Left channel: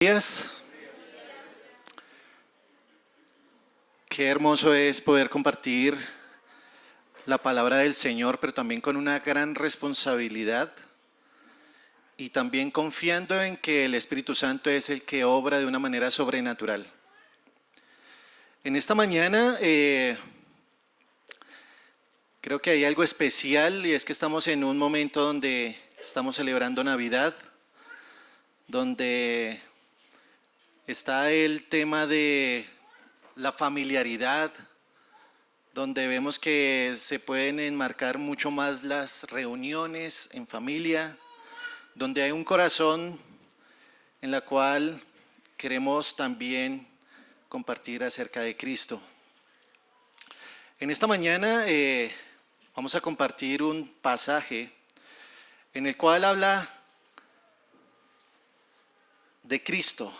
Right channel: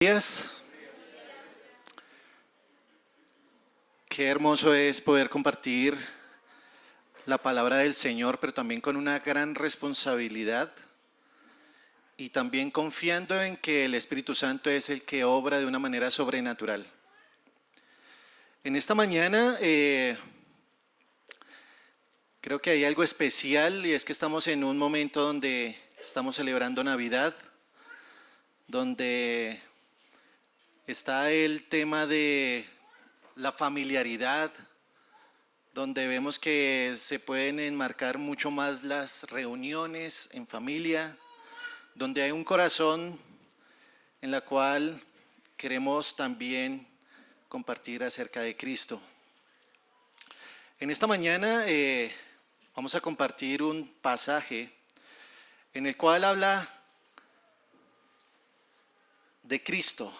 Días. Qué hermoso es poder compartir la palabra del Señor, pero también con una gran responsabilidad y también confiando en que el Espíritu Santo es el que obra de una manera sobrenatural. En esta mañana creo que hay algo especial, y es que estamos en un momento donde estamos celebrando Navidad, donde está el tema de la familiaridad, donde vemos que se pueden enmarcar mucho más las reuniones en familia, donde hay un corazón en la cual queremos también compartir acerca de Cristo. En esta mañana vamos a compartir un pasaje en el cual habla de Cristo.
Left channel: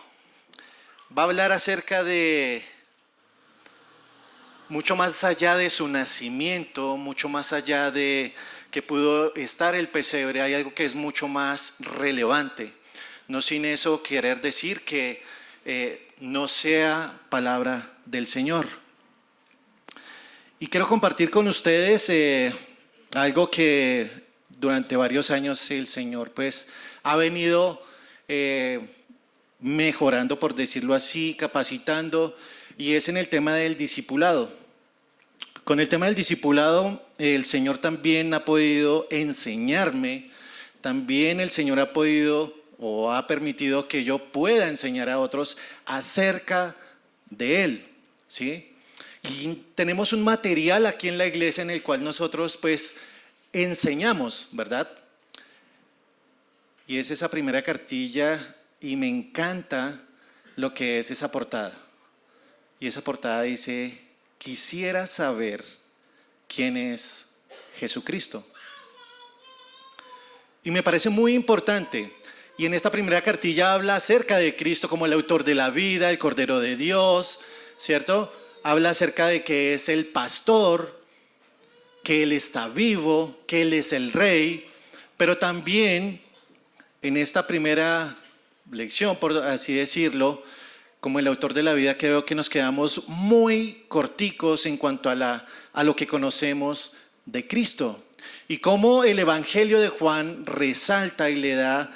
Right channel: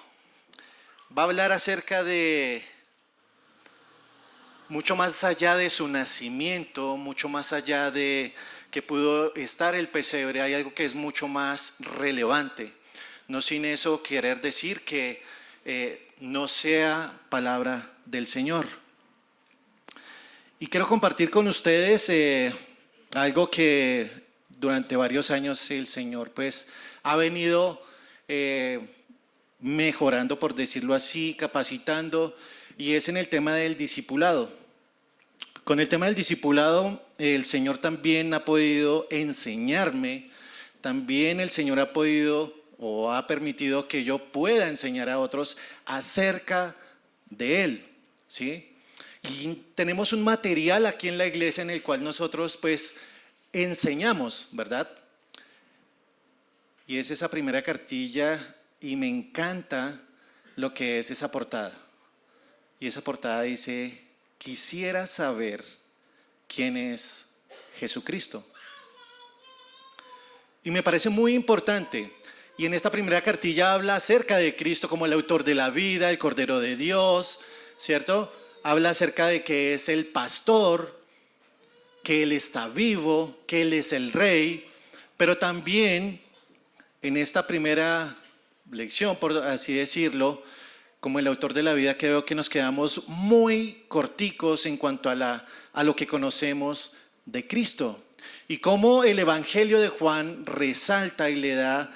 Va a hablar acerca de mucho más allá de su nacimiento, mucho más allá de que pudo estar el pesebre. Hay algo que es mucho más relevante. No sin eso querer decir que no sea palabra del Señor. Y quiero compartir con ustedes algo que durante varios años el Señor pues ha venido mejorando, por decirlo así, capacitando, y es en el tema del discipulado. Con el tema del discipulado, el Señor también ha podido enseñarme, también el Señor ha podido o ha permitido que yo pueda enseñar a otros acerca de Él, ¿sí? Y tenemos un material aquí en la iglesia en el cual nosotros pues enseñamos, ¿verdad? Y es esa primera cartilla, y me encanta lo que es esa portada. Y esa portada dice: quisiera saber quién es Jesucristo. Y me parece muy importante. Y en esta primera cartilla habla acerca de Cristo como el autor de la vida, el Cordero de Dios, ¿cierto? Habla acerca de que es el pastor, que Él está vivo, que Él es el Rey, pero también en esta primera lección, por así decirlo, como el autor de la vida, creo que nos quedamos muy corticos en cuanto a lo que conocemos de Cristo, y cómo el Evangelio de Juan resalta y le da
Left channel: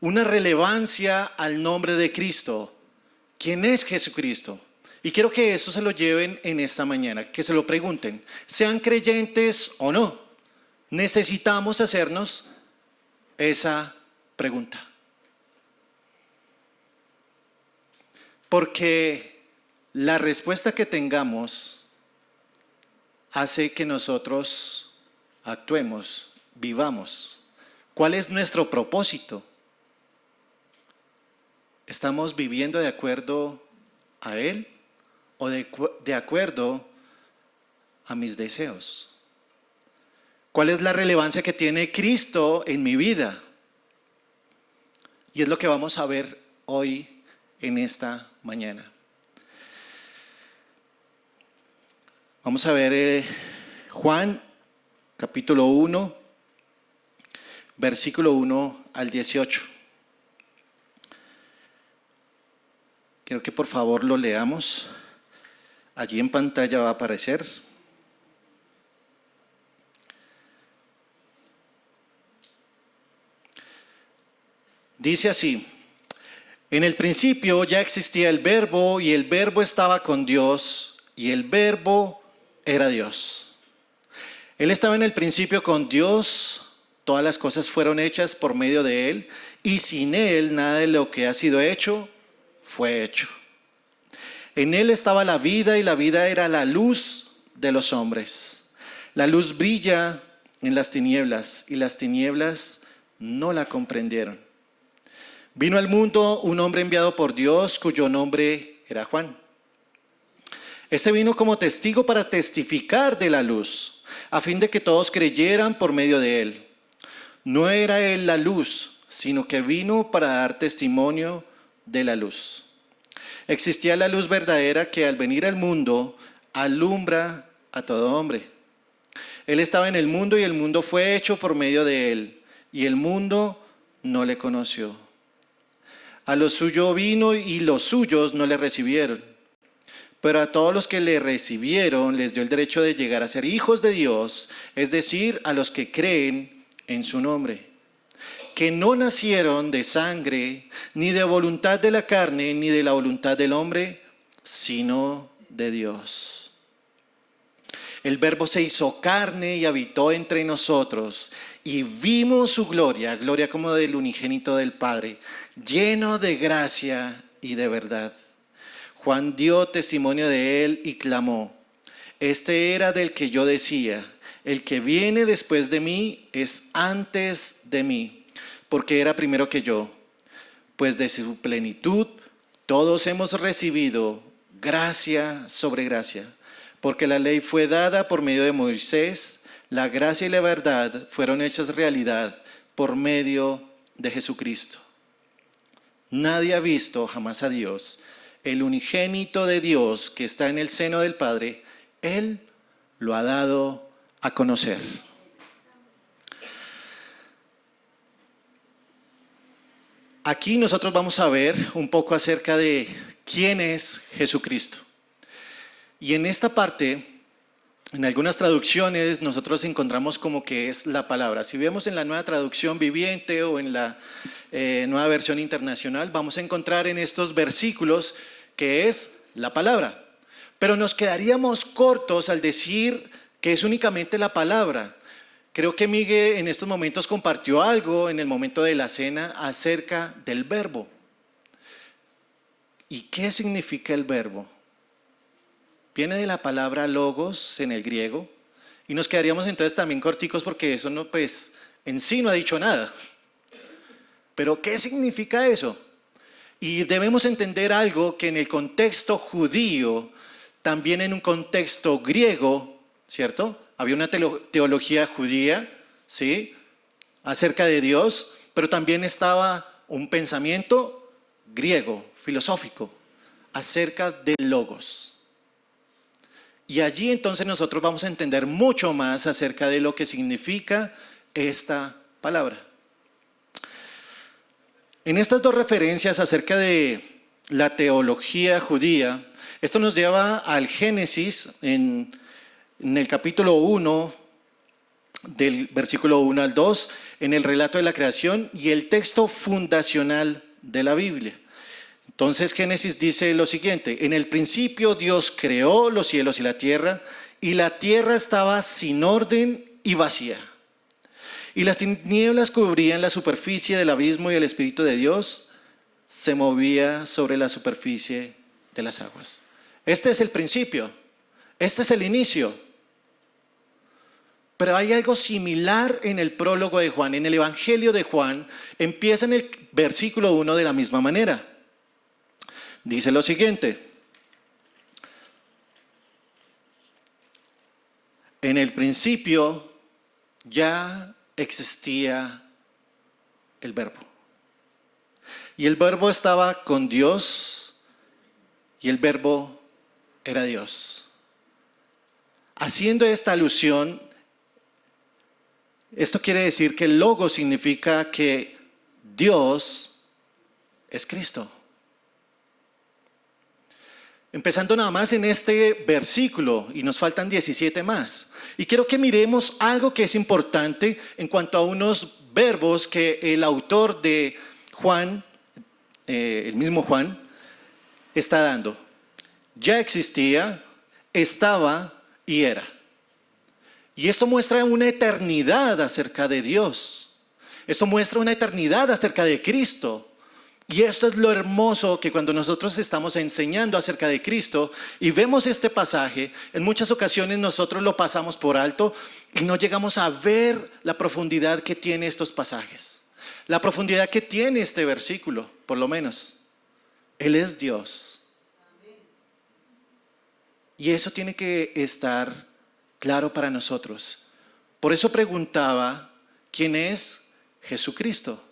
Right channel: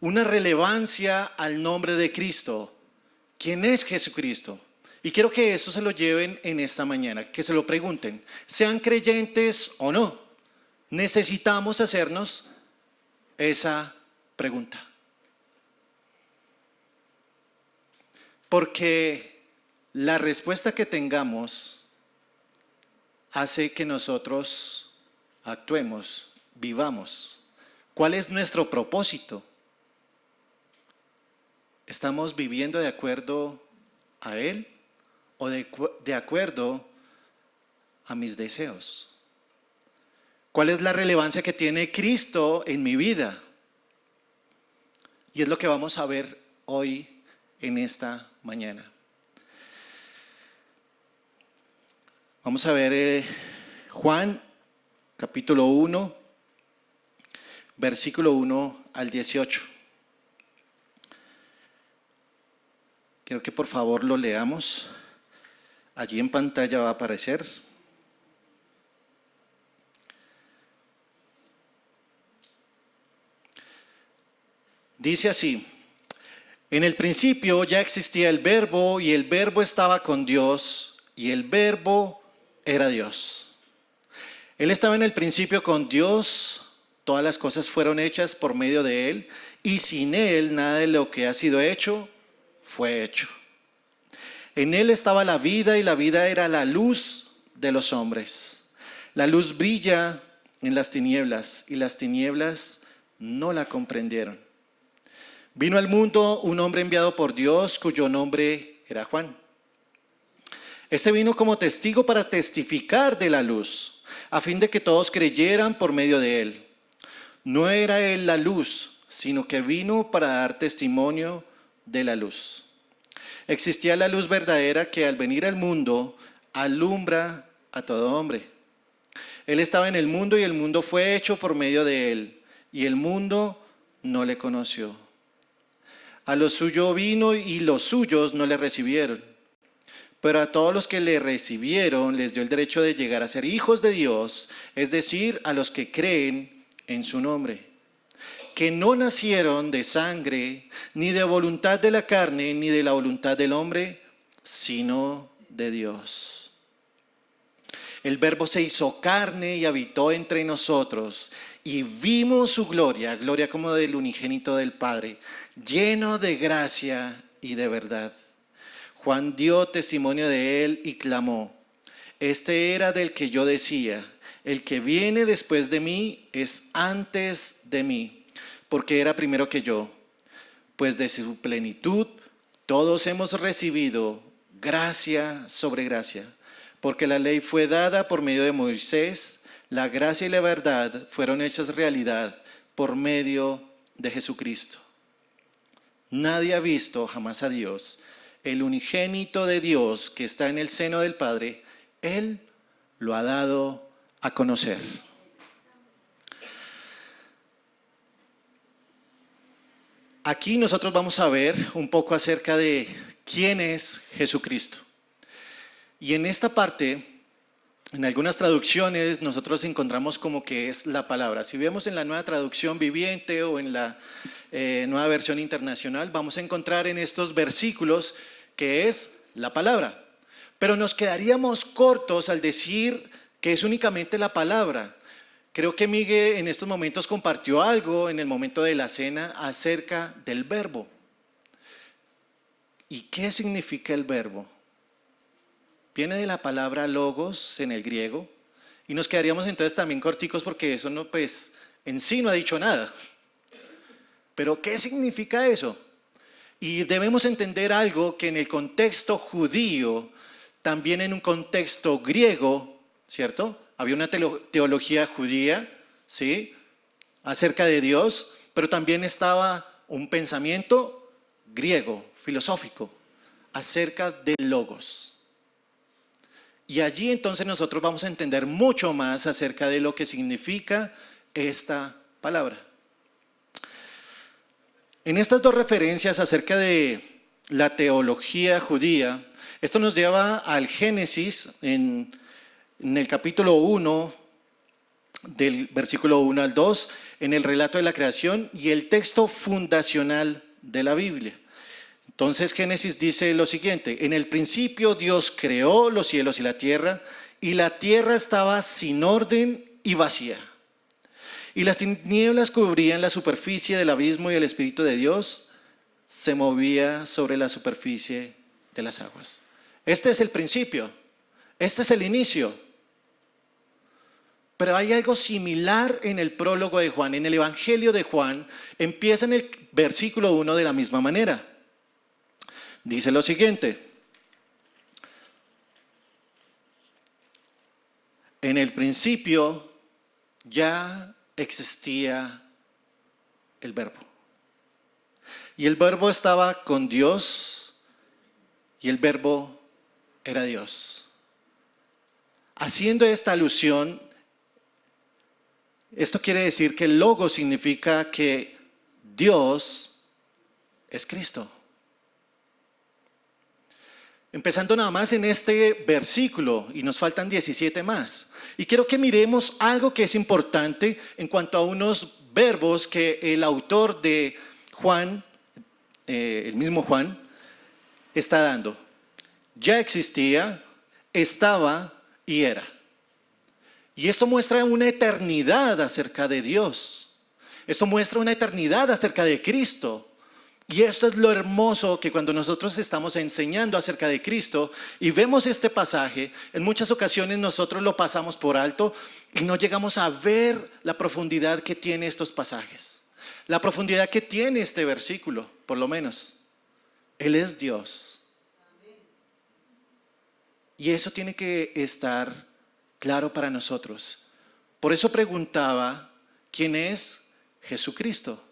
una relevancia al nombre de Cristo. ¿Quién es Jesucristo? Y quiero que eso se lo lleven en esta mañana, que se lo pregunten, sean creyentes o no. Necesitamos hacernos esa pregunta. Porque la respuesta que tengamos hace que nosotros actuemos, vivamos. ¿Cuál es nuestro propósito? ¿Estamos viviendo de acuerdo a Él o de acuerdo a mis deseos? ¿Cuál es la relevancia que tiene Cristo en mi vida? Y es lo que vamos a ver hoy en esta mañana. Vamos a ver Juan capítulo 1, versículo 1 al 18. Quiero que por favor lo leamos. Allí en pantalla va a aparecer. Dice así: en el principio ya existía el Verbo, y el Verbo estaba con Dios, y el Verbo era Dios. Él estaba en el principio con Dios. Todas las cosas fueron hechas por medio de Él, y sin Él nada de lo que ha sido hecho fue hecho. En Él estaba la vida, y la vida era la luz de los hombres. La luz brilla en las tinieblas, y las tinieblas no la comprendieron. Vino al mundo un hombre enviado por Dios, cuyo nombre era Juan. Este vino como testigo para testificar de la luz, a fin de que todos creyeran por medio de él. No era él la luz, sino que vino para dar testimonio de la luz. Existía la luz verdadera que al venir al mundo alumbra a todo hombre. Él estaba en el mundo, y el mundo fue hecho por medio de él, y el mundo no le conoció. A lo suyo vino y los suyos no le recibieron. Pero a todos los que le recibieron les dio el derecho de llegar a ser hijos de Dios, es decir, a los que creen en su nombre, que no nacieron de sangre, ni de voluntad de la carne, ni de la voluntad del hombre, sino de Dios. El Verbo se hizo carne y habitó entre nosotros, y vimos su gloria, gloria como del unigénito del Padre, lleno de gracia y de verdad. Juan dio testimonio de él y clamó: este era del que yo decía, el que viene después de mí es antes de mí, porque era primero que yo. Pues de su plenitud todos hemos recibido gracia sobre gracia, porque la ley fue dada por medio de Moisés, la gracia y la verdad fueron hechas realidad por medio de Jesucristo. Nadie ha visto jamás a Dios. El unigénito de Dios que está en el seno del Padre, Él lo ha dado a conocer. Aquí nosotros vamos a ver un poco acerca de quién es Jesucristo. Y en esta parte, en algunas traducciones, nosotros encontramos como que es la palabra. Si vemos en la Nueva Traducción Viviente o en la Nueva Versión Internacional, vamos a encontrar en estos versículos que es la palabra. Pero nos quedaríamos cortos al decir que es únicamente la palabra. Creo que Miguel en estos momentos compartió algo en el momento de la cena acerca del verbo. ¿Y qué significa el verbo? Viene de la palabra logos en el griego, y nos quedaríamos entonces también corticos porque eso no, pues, en sí no ha dicho nada. Pero ¿qué significa eso? Y debemos entender algo que en el contexto judío, también en un contexto griego, ¿cierto? Había una teología judía, ¿sí?, acerca de Dios, pero también estaba un pensamiento griego, filosófico, acerca del logos. Y allí entonces nosotros vamos a entender mucho más acerca de lo que significa esta palabra. En estas dos referencias acerca de la teología judía, esto nos lleva al Génesis en el capítulo 1, del versículo 1 al 2, en el relato de la creación y el texto fundacional de la Biblia. Entonces Génesis dice lo siguiente: en el principio Dios creó los cielos y la tierra estaba sin orden y vacía. Y las tinieblas cubrían la superficie del abismo y el Espíritu de Dios se movía sobre la superficie de las aguas. Este es el principio, este es el inicio. Pero hay algo similar en el prólogo de Juan, en el Evangelio de Juan, empieza en el versículo 1 de la misma manera. Dice lo siguiente: en el principio ya existía el Verbo. Y el Verbo estaba con Dios y el Verbo era Dios. Haciendo esta alusión, esto quiere decir que el logo significa que Dios es Cristo. Empezando nada más en este versículo, y nos faltan 17 más. Y quiero que miremos algo que es importante en cuanto a unos verbos que el autor de Juan, el mismo Juan, está dando. Ya existía, estaba y era. Y esto muestra una eternidad acerca de Dios. Esto muestra una eternidad acerca de Cristo. Y esto es lo hermoso, que cuando nosotros estamos enseñando acerca de Cristo y vemos este pasaje, en muchas ocasiones nosotros lo pasamos por alto y no llegamos a ver la profundidad que tiene estos pasajes. La profundidad que tiene este versículo, por lo menos. Él es Dios. Y eso tiene que estar claro para nosotros. Por eso preguntaba, ¿quién es Jesucristo?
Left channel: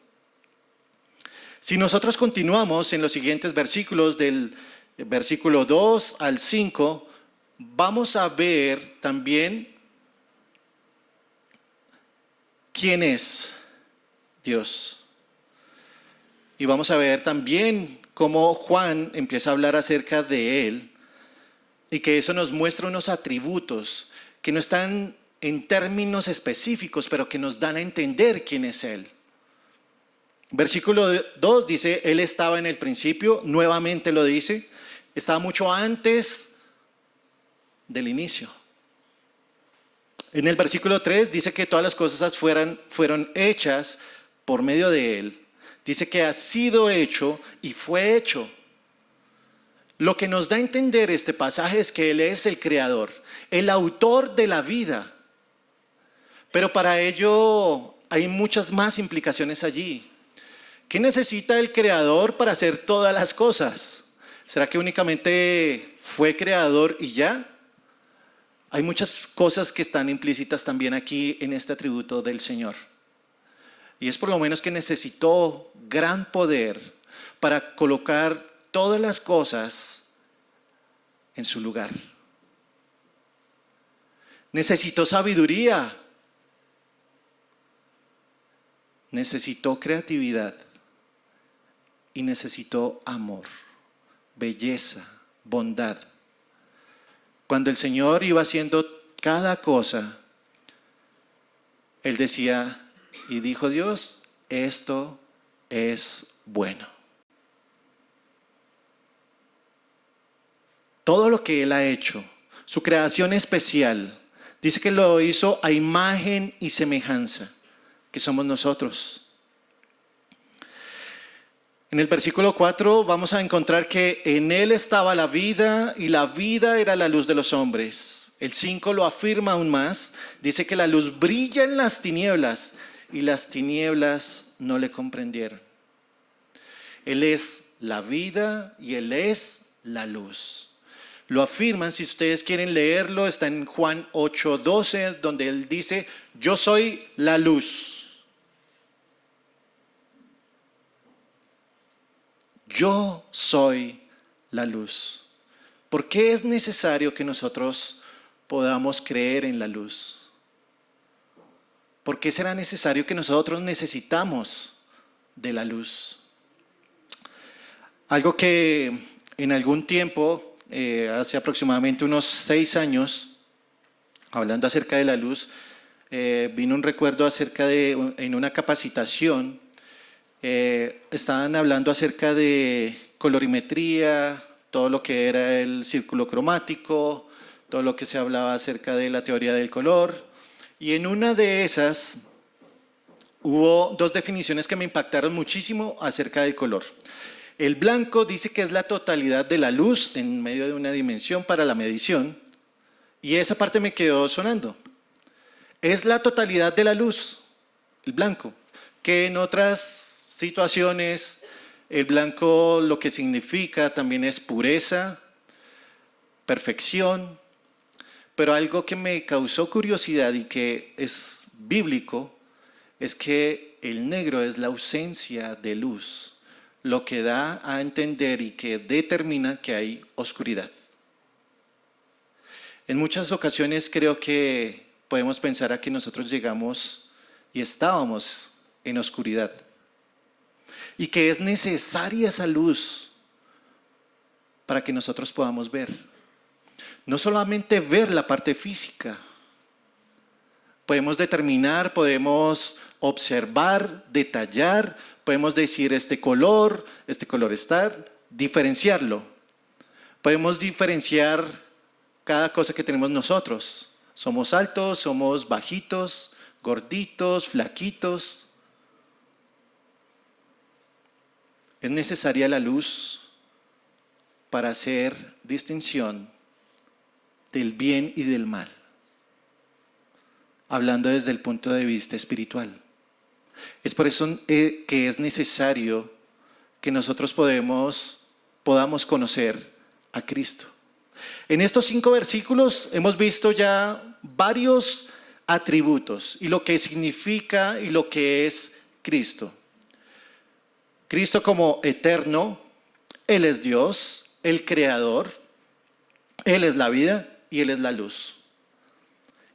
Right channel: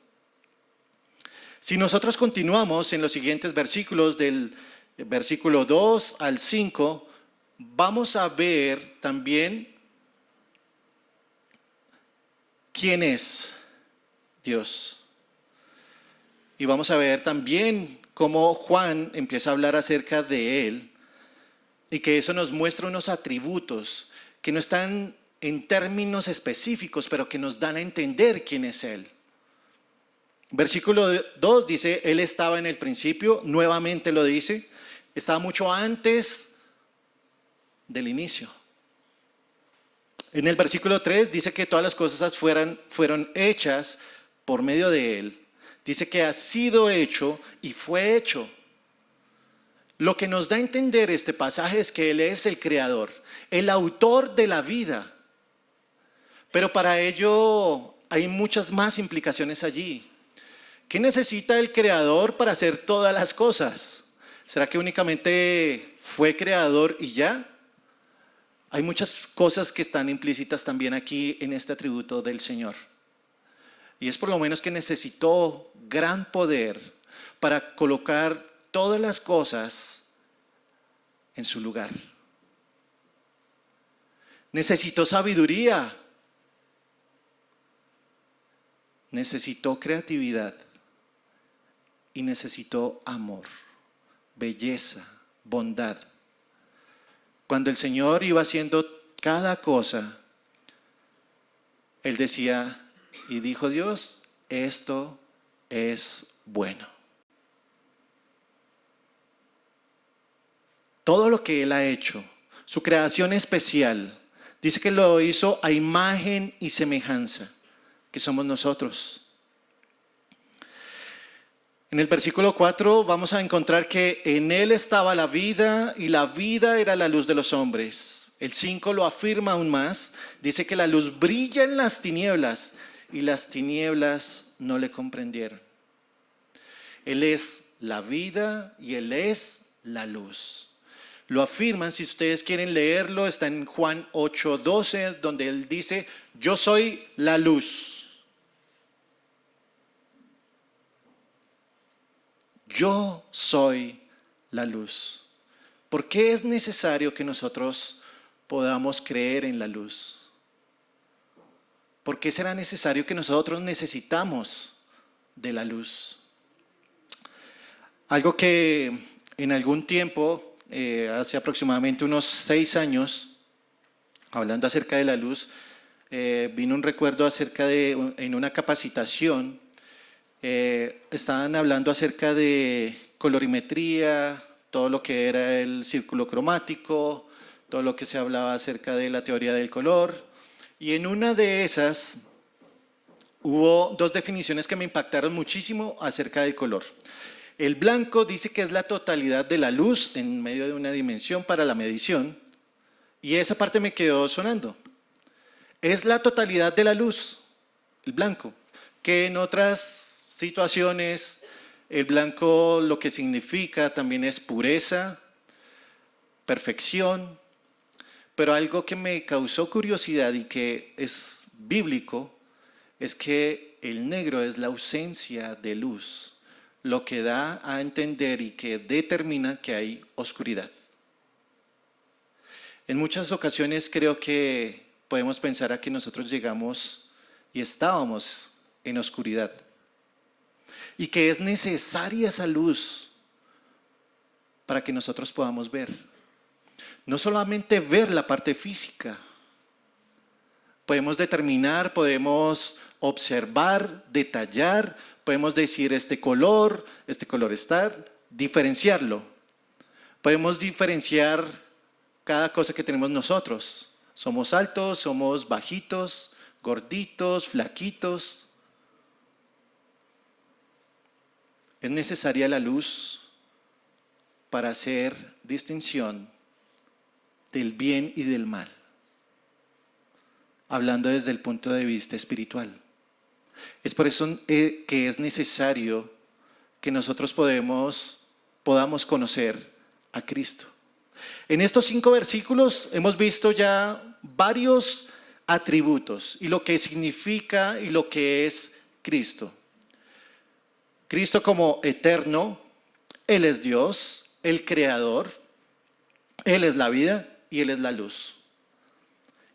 Si nosotros continuamos en los siguientes versículos, del versículo 2 al 5, vamos a ver también quién es Dios. Y vamos a ver también cómo Juan empieza a hablar acerca de Él y que eso nos muestra unos atributos que no están en términos específicos, pero que nos dan a entender quién es Él. Versículo 2 dice, Él estaba en el principio, nuevamente lo dice, estaba mucho antes del inicio. En el versículo 3 dice que todas las cosas fueron hechas por medio de Él. Dice que ha sido hecho y fue hecho. Lo que nos da a entender este pasaje es que Él es el creador, el autor de la vida. Pero para ello hay muchas más implicaciones allí. ¿Qué necesita el creador para hacer todas las cosas? ¿Será que únicamente fue creador y ya? Hay muchas cosas que están implícitas también aquí en este atributo del Señor. Y es por lo menos que necesitó gran poder para colocar todas las cosas en su lugar. Necesitó sabiduría. Necesitó creatividad. Y necesitó amor, belleza, bondad. Cuando el Señor iba haciendo cada cosa, Él decía, y dijo Dios, esto es bueno. Todo lo que Él ha hecho, su creación especial, dice que lo hizo a imagen y semejanza, que somos nosotros. En el versículo 4 vamos a encontrar que en Él estaba la vida y la vida era la luz de los hombres. El 5 lo afirma aún más, dice que la luz brilla en las tinieblas y las tinieblas no le comprendieron. Él es la vida y Él es la luz. Lo afirman, si ustedes quieren leerlo, está en Juan 8:12, donde Él dice, yo soy la luz. Yo soy la luz. ¿Por qué es necesario que nosotros podamos creer en la luz? ¿Por qué será necesario que nosotros necesitamos de la luz? Algo que en algún tiempo, hace aproximadamente unos 6 años, hablando acerca de la luz, vino un recuerdo acerca de, en una capacitación, estaban hablando acerca de colorimetría, todo lo que era el círculo cromático, todo lo que se hablaba acerca de la teoría del color. Y en una de esas hubo 2 definiciones que me impactaron muchísimo acerca del color. El blanco dice que es la totalidad de la luz en medio de una dimensión para la medición. Y esa parte me quedó sonando. Es la totalidad de la luz, el blanco, que en otras situaciones, el blanco lo que significa también es pureza, perfección, pero algo que me causó curiosidad y que es bíblico es que el negro es la ausencia de luz, lo que da a entender y que determina que hay oscuridad. En muchas ocasiones creo que podemos pensar a que nosotros llegamos y estábamos en oscuridad. Y que es necesaria esa luz para que nosotros podamos ver. No solamente ver la parte física. Podemos determinar, podemos observar, detallar, podemos decir este color está, diferenciarlo. Podemos diferenciar cada cosa que tenemos nosotros. Somos altos, somos bajitos, gorditos, flaquitos. Es necesaria la luz para hacer distinción del bien y del mal, hablando desde el punto de vista espiritual. Es por eso que es necesario que nosotros podamos conocer a Cristo. En estos 5 versículos hemos visto ya varios atributos y lo que significa y lo que es Cristo. Cristo como eterno, Él es Dios, el creador, Él es la vida y Él es la luz.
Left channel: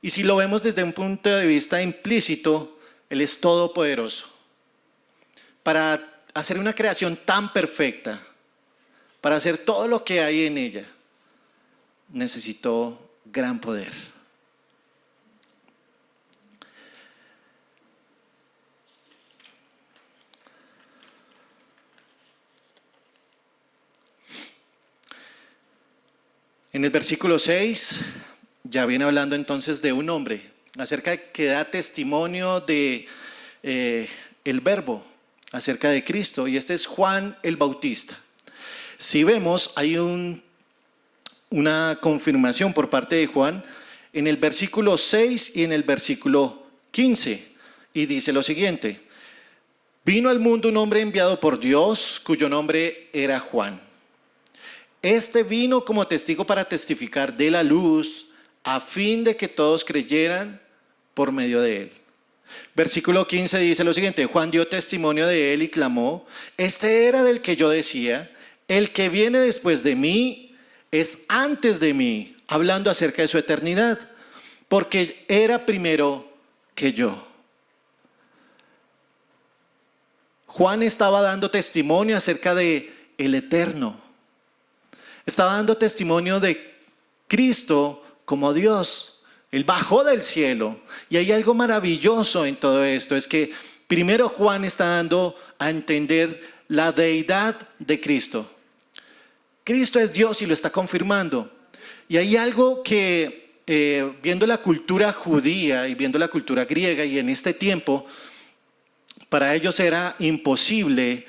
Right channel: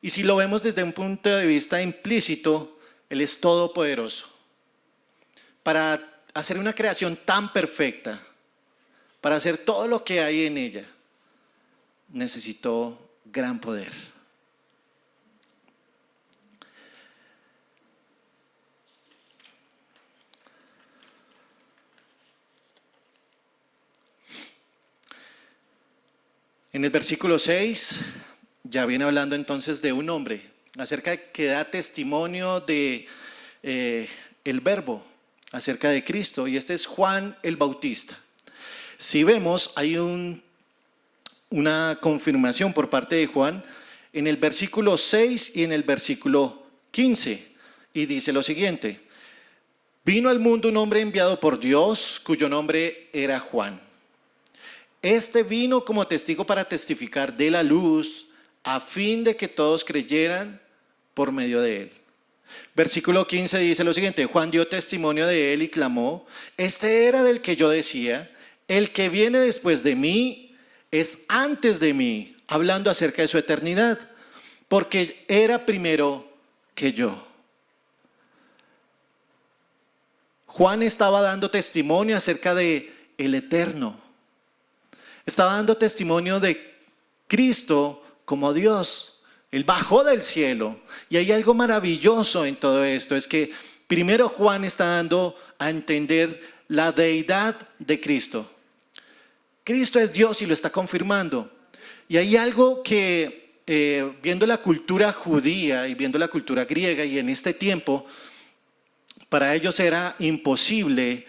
Y si lo vemos desde un punto de vista implícito, Él es todopoderoso. Para hacer una creación tan perfecta, para hacer todo lo que hay en ella, necesitó gran poder. En el versículo 6 ya viene hablando entonces de un hombre, acerca de que da testimonio de el verbo, acerca de Cristo, y este es Juan el Bautista. Si vemos, hay una confirmación por parte de Juan en el versículo 6 y en el versículo 15, y dice lo siguiente: vino al mundo un hombre enviado por Dios, cuyo nombre era Juan. Este vino como testigo para testificar de la luz, a fin de que todos creyeran por medio de él. Versículo 15 dice lo siguiente: Juan dio testimonio de él y clamó: este era del que yo decía, el que viene después de mí es antes de mí, hablando acerca de su eternidad, porque era primero que yo. Juan estaba dando testimonio acerca de el eterno. Estaba dando testimonio de Cristo como Dios. Él bajó del cielo. Y hay algo maravilloso en todo esto. Es que primero Juan está dando a entender la deidad de Cristo. Cristo es Dios y lo está confirmando. Y hay algo que viendo la cultura judía y viendo la cultura griega, y en este tiempo, para ellos era imposible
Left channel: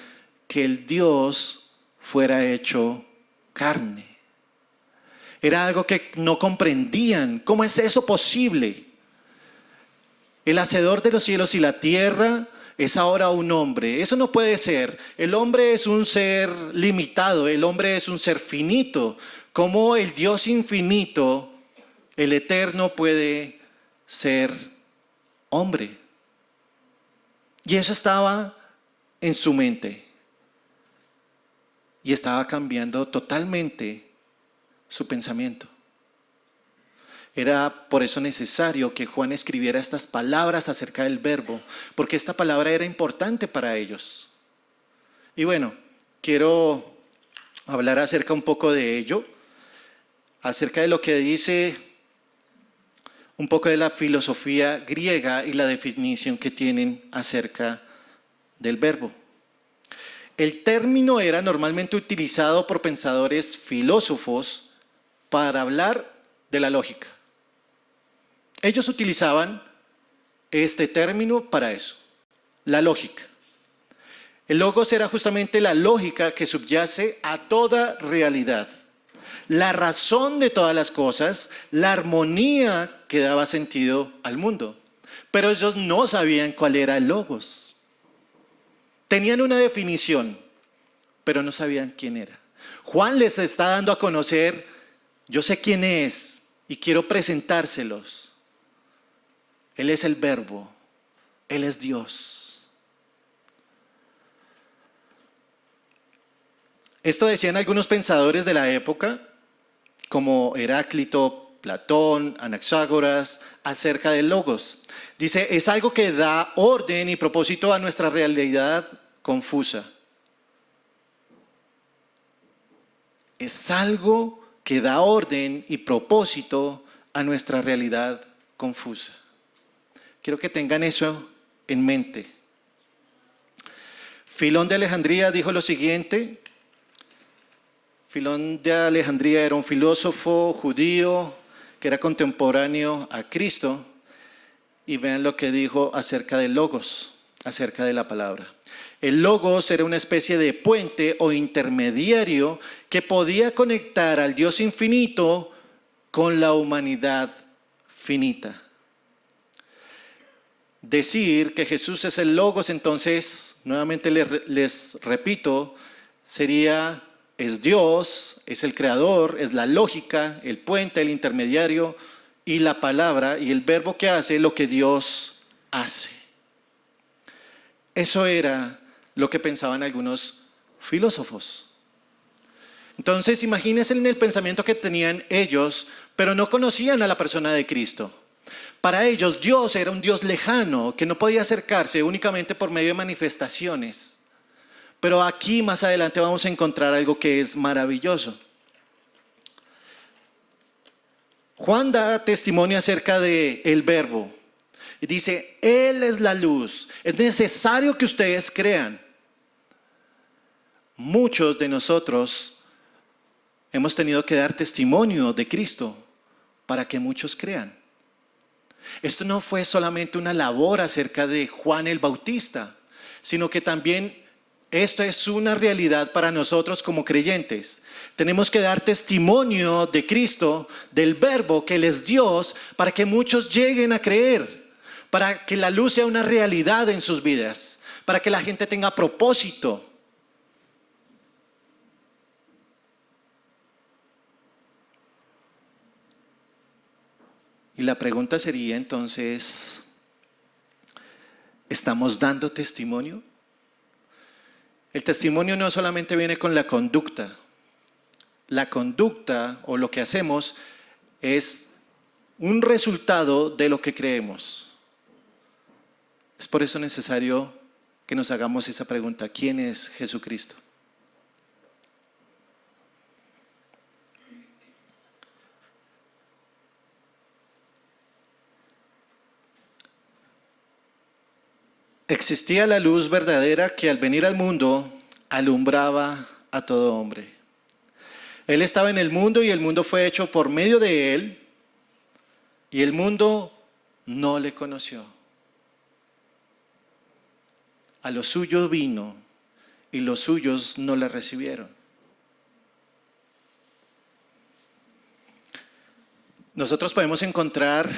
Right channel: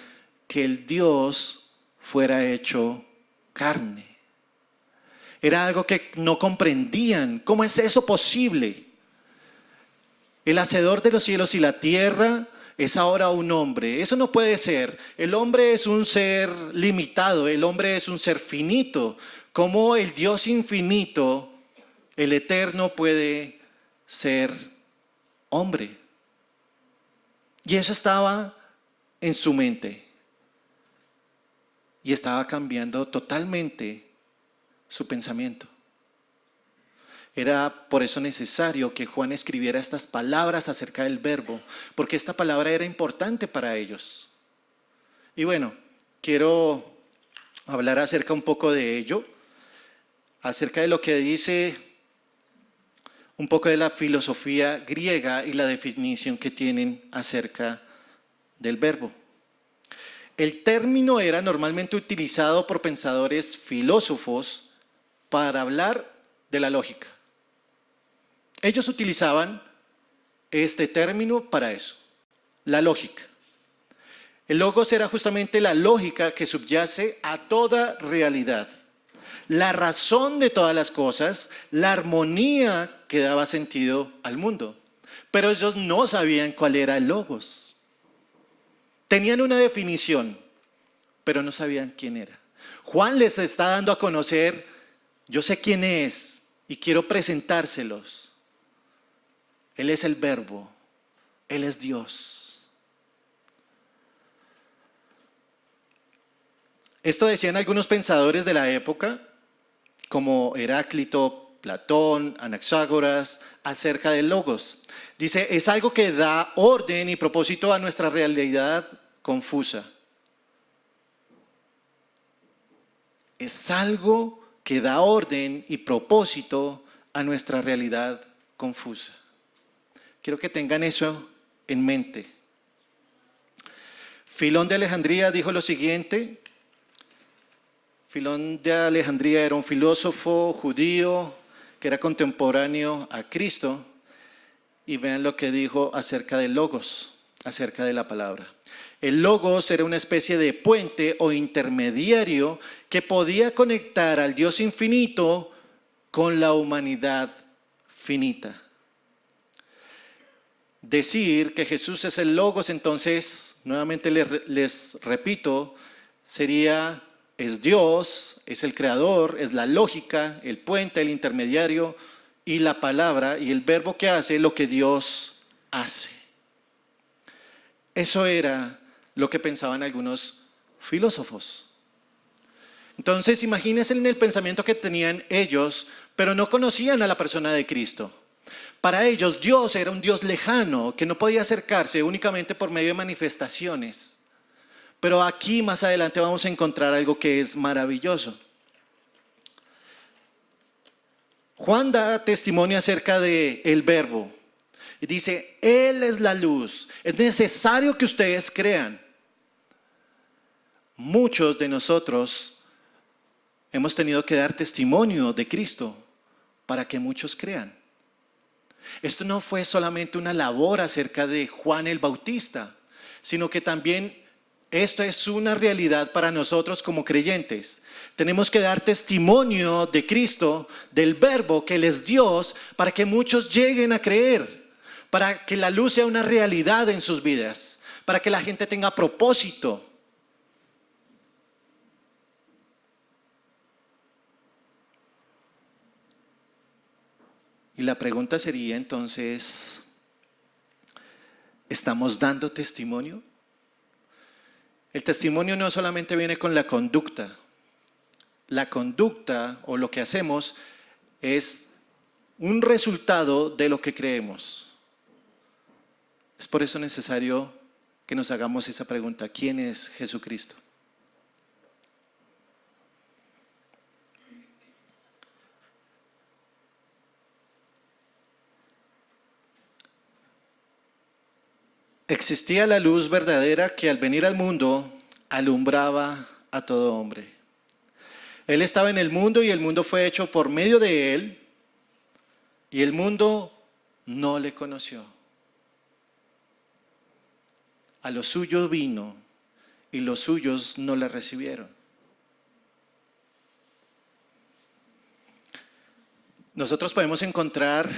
que el Dios fuera hecho carne. Era algo que no comprendían. ¿Cómo es eso posible? El hacedor de los cielos y la tierra es ahora un hombre. Eso no puede ser. El hombre es un ser limitado. El hombre es un ser finito. ¿Cómo el Dios infinito, el eterno, puede ser hombre? Y eso estaba en su mente. Y estaba cambiando totalmente su pensamiento. Era por eso necesario que Juan escribiera estas palabras acerca del verbo, porque esta palabra era importante para ellos. Y bueno, quiero hablar acerca un poco de ello, acerca de lo que dice un poco de la filosofía griega y la definición que tienen acerca del verbo. El término era normalmente utilizado por pensadores filósofos para hablar de la lógica. Ellos utilizaban este término para eso, la lógica. El logos era justamente la lógica que subyace a toda realidad, la razón de todas las cosas, la armonía que daba sentido al mundo. Pero ellos no sabían cuál era el logos. Tenían una definición, pero no sabían quién era. Juan les está dando a conocer: yo sé quién es y quiero presentárselos. Él es el verbo, Él es Dios. Esto decían algunos pensadores de la época, como Heráclito, Platón, Anaxágoras, acerca del logos. Dice: es algo que da orden y propósito a nuestra realidad confusa. Es algo que da orden y propósito a nuestra realidad confusa. Quiero que tengan eso en mente. Filón de Alejandría dijo lo siguiente. Filón de Alejandría era un filósofo judío que era contemporáneo a Cristo, y vean lo que dijo acerca del logos, acerca de la palabra. El logos era una especie de puente o intermediario que podía conectar al Dios infinito con la humanidad finita. Decir que Jesús es el logos, entonces, nuevamente les repito, sería: es Dios, es el creador, es la lógica, el puente, el intermediario, y la palabra y el verbo que hace lo que Dios hace. Eso era lo que pensaban algunos filósofos. Entonces, imagínense en el pensamiento que tenían ellos, pero no conocían a la persona de Cristo. Para ellos, Dios era un Dios lejano que no podía acercarse únicamente por medio de manifestaciones. Pero aquí más adelante vamos a encontrar algo que es maravilloso. Juan da testimonio acerca del Verbo y dice, Él es la luz. Es necesario que ustedes crean. Muchos de nosotros hemos tenido que dar testimonio de Cristo para que muchos crean. Esto no fue solamente una labor acerca de Juan el Bautista, sino que también esto es una realidad para nosotros como creyentes. Tenemos que dar testimonio de Cristo, del Verbo que Él es Dios, para que muchos lleguen a creer, para que la luz sea una realidad en sus vidas, para que la gente tenga propósito. Y la pregunta sería entonces, ¿estamos dando testimonio? El testimonio no solamente viene con la conducta. La conducta o lo que hacemos es un resultado de lo que creemos. Es por eso necesario que nos hagamos esa pregunta: ¿quién es Jesucristo? Existía la luz verdadera que al venir al mundo alumbraba a todo hombre. Él estaba en el mundo y el mundo fue hecho por medio de Él y el mundo no le conoció. A los suyos vino y los suyos no le recibieron. Nosotros podemos encontrar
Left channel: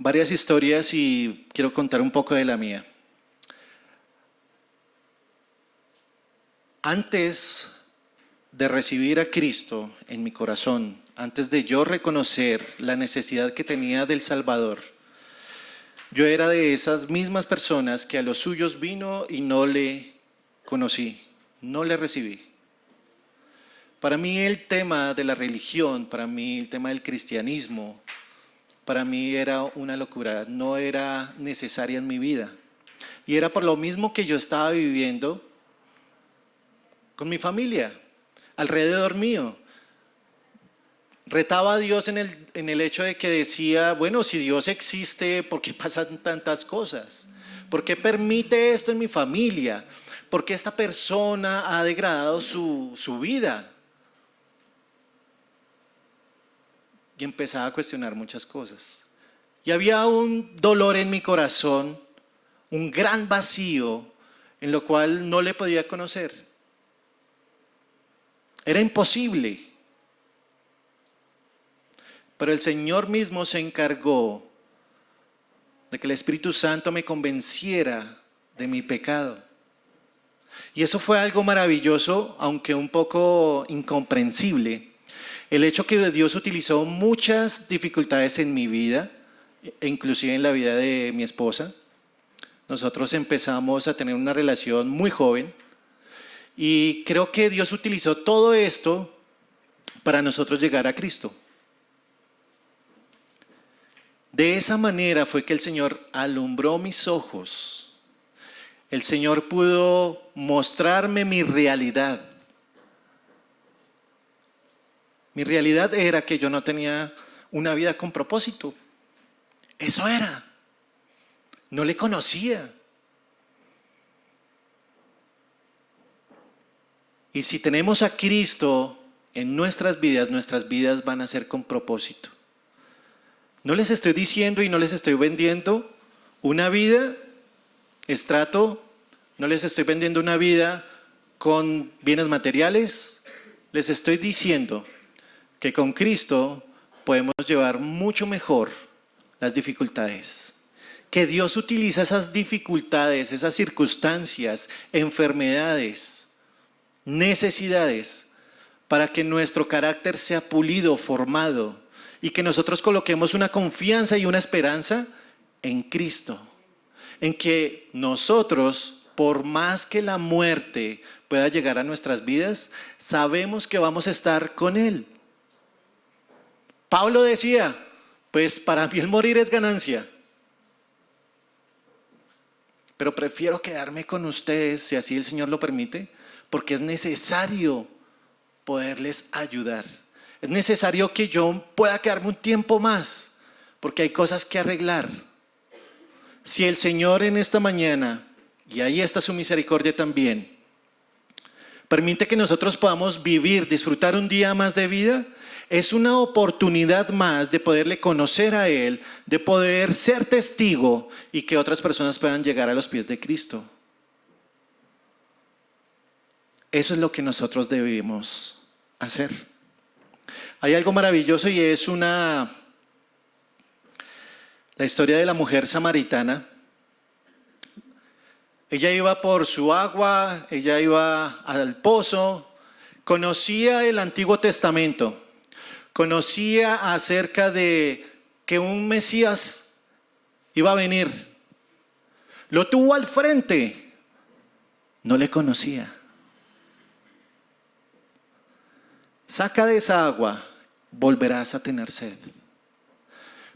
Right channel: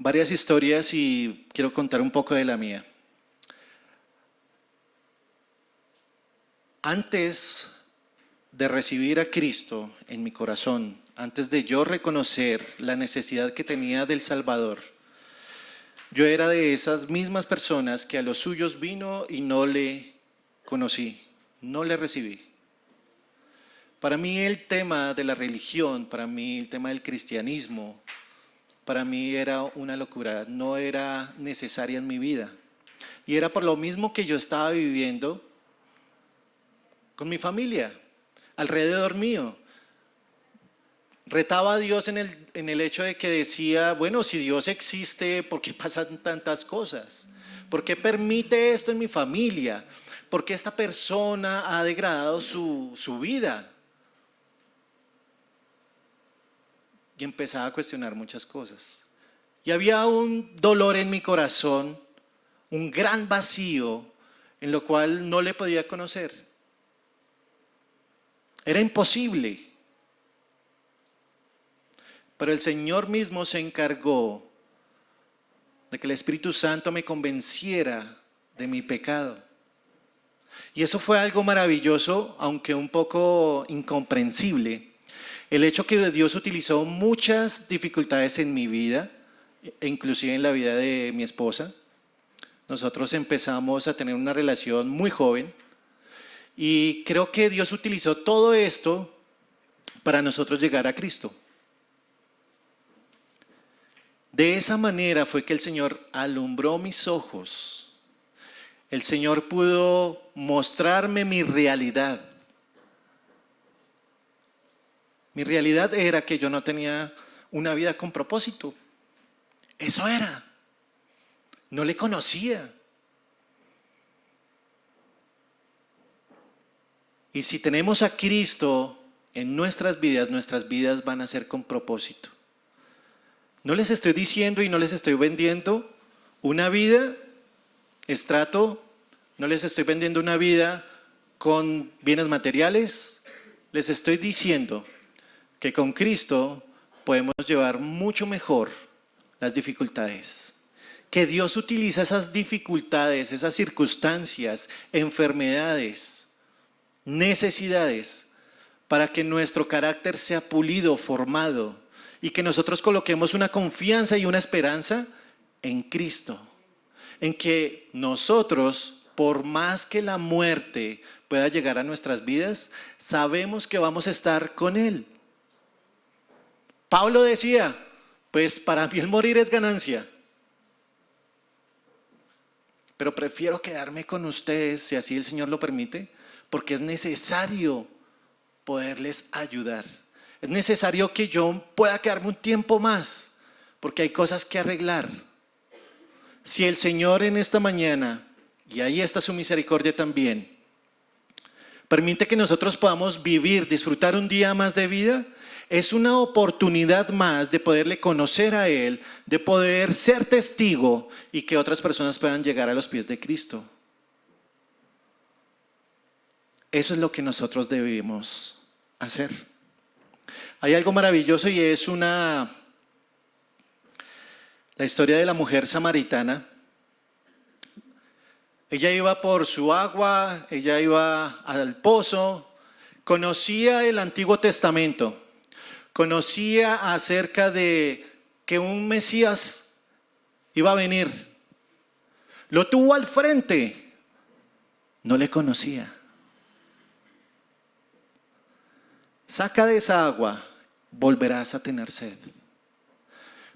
varias historias y quiero contar un poco de la mía. Antes de recibir a Cristo en mi corazón, antes de yo reconocer la necesidad que tenía del Salvador, yo era de esas mismas personas que a los suyos vino y no le conocí, no le recibí. Para mí el tema de la religión, para mí el tema del cristianismo, para mí era una locura, no era necesaria en mi vida. Y era por lo mismo que yo estaba viviendo con mi familia, alrededor mío. Retaba a Dios en el hecho de que decía, bueno, si Dios existe, ¿por qué pasan tantas cosas? ¿Por qué permite esto en mi familia? ¿Por qué esta persona ha degradado su vida? Y empezaba a cuestionar muchas cosas. Y había un dolor en mi corazón, un gran vacío, en lo cual no le podía conocer. Era imposible. Pero el Señor mismo se encargó de que el Espíritu Santo me convenciera de mi pecado. Y eso fue algo maravilloso, aunque un poco incomprensible. El hecho que Dios utilizó muchas dificultades en mi vida, inclusive en la vida de mi esposa. Nosotros empezamos a tener una relación muy joven y creo que Dios utilizó todo esto para nosotros llegar a Cristo. De esa manera fue que el Señor alumbró mis ojos. El Señor pudo mostrarme mi realidad. Mi realidad era que yo no tenía una vida con propósito. Eso era. No le conocía. Y si tenemos a Cristo en nuestras vidas van a ser con propósito. No les estoy diciendo y no les estoy vendiendo una vida estrato, no les estoy vendiendo una vida con bienes materiales. Les estoy diciendo que con Cristo podemos llevar mucho mejor las dificultades. Que Dios utiliza esas dificultades, esas circunstancias, enfermedades, necesidades, para que nuestro carácter sea pulido, formado, y que nosotros coloquemos una confianza y una esperanza en Cristo. En que nosotros, por más que la muerte pueda llegar a nuestras vidas, sabemos que vamos a estar con Él. Pablo decía, pues para mí el morir es ganancia. pero prefiero quedarme con ustedes si así el Señor lo permite, porque es necesario poderles ayudar. Es necesario que yo pueda quedarme un tiempo más, porque hay cosas que arreglar. Si el Señor en esta mañana, y ahí está su misericordia también, permite que nosotros podamos vivir, disfrutar un día más de vida, es una oportunidad más de poderle conocer a Él, de poder ser testigo y que otras personas puedan llegar a los pies de Cristo. Eso es lo que nosotros debemos hacer. Hay algo maravilloso y es la historia de la mujer samaritana. Ella iba por su agua, ella iba al pozo, conocía el Antiguo Testamento, conocía acerca de que un Mesías iba a venir. Lo tuvo al frente, no le conocía. Saca de esa agua, volverás a tener sed.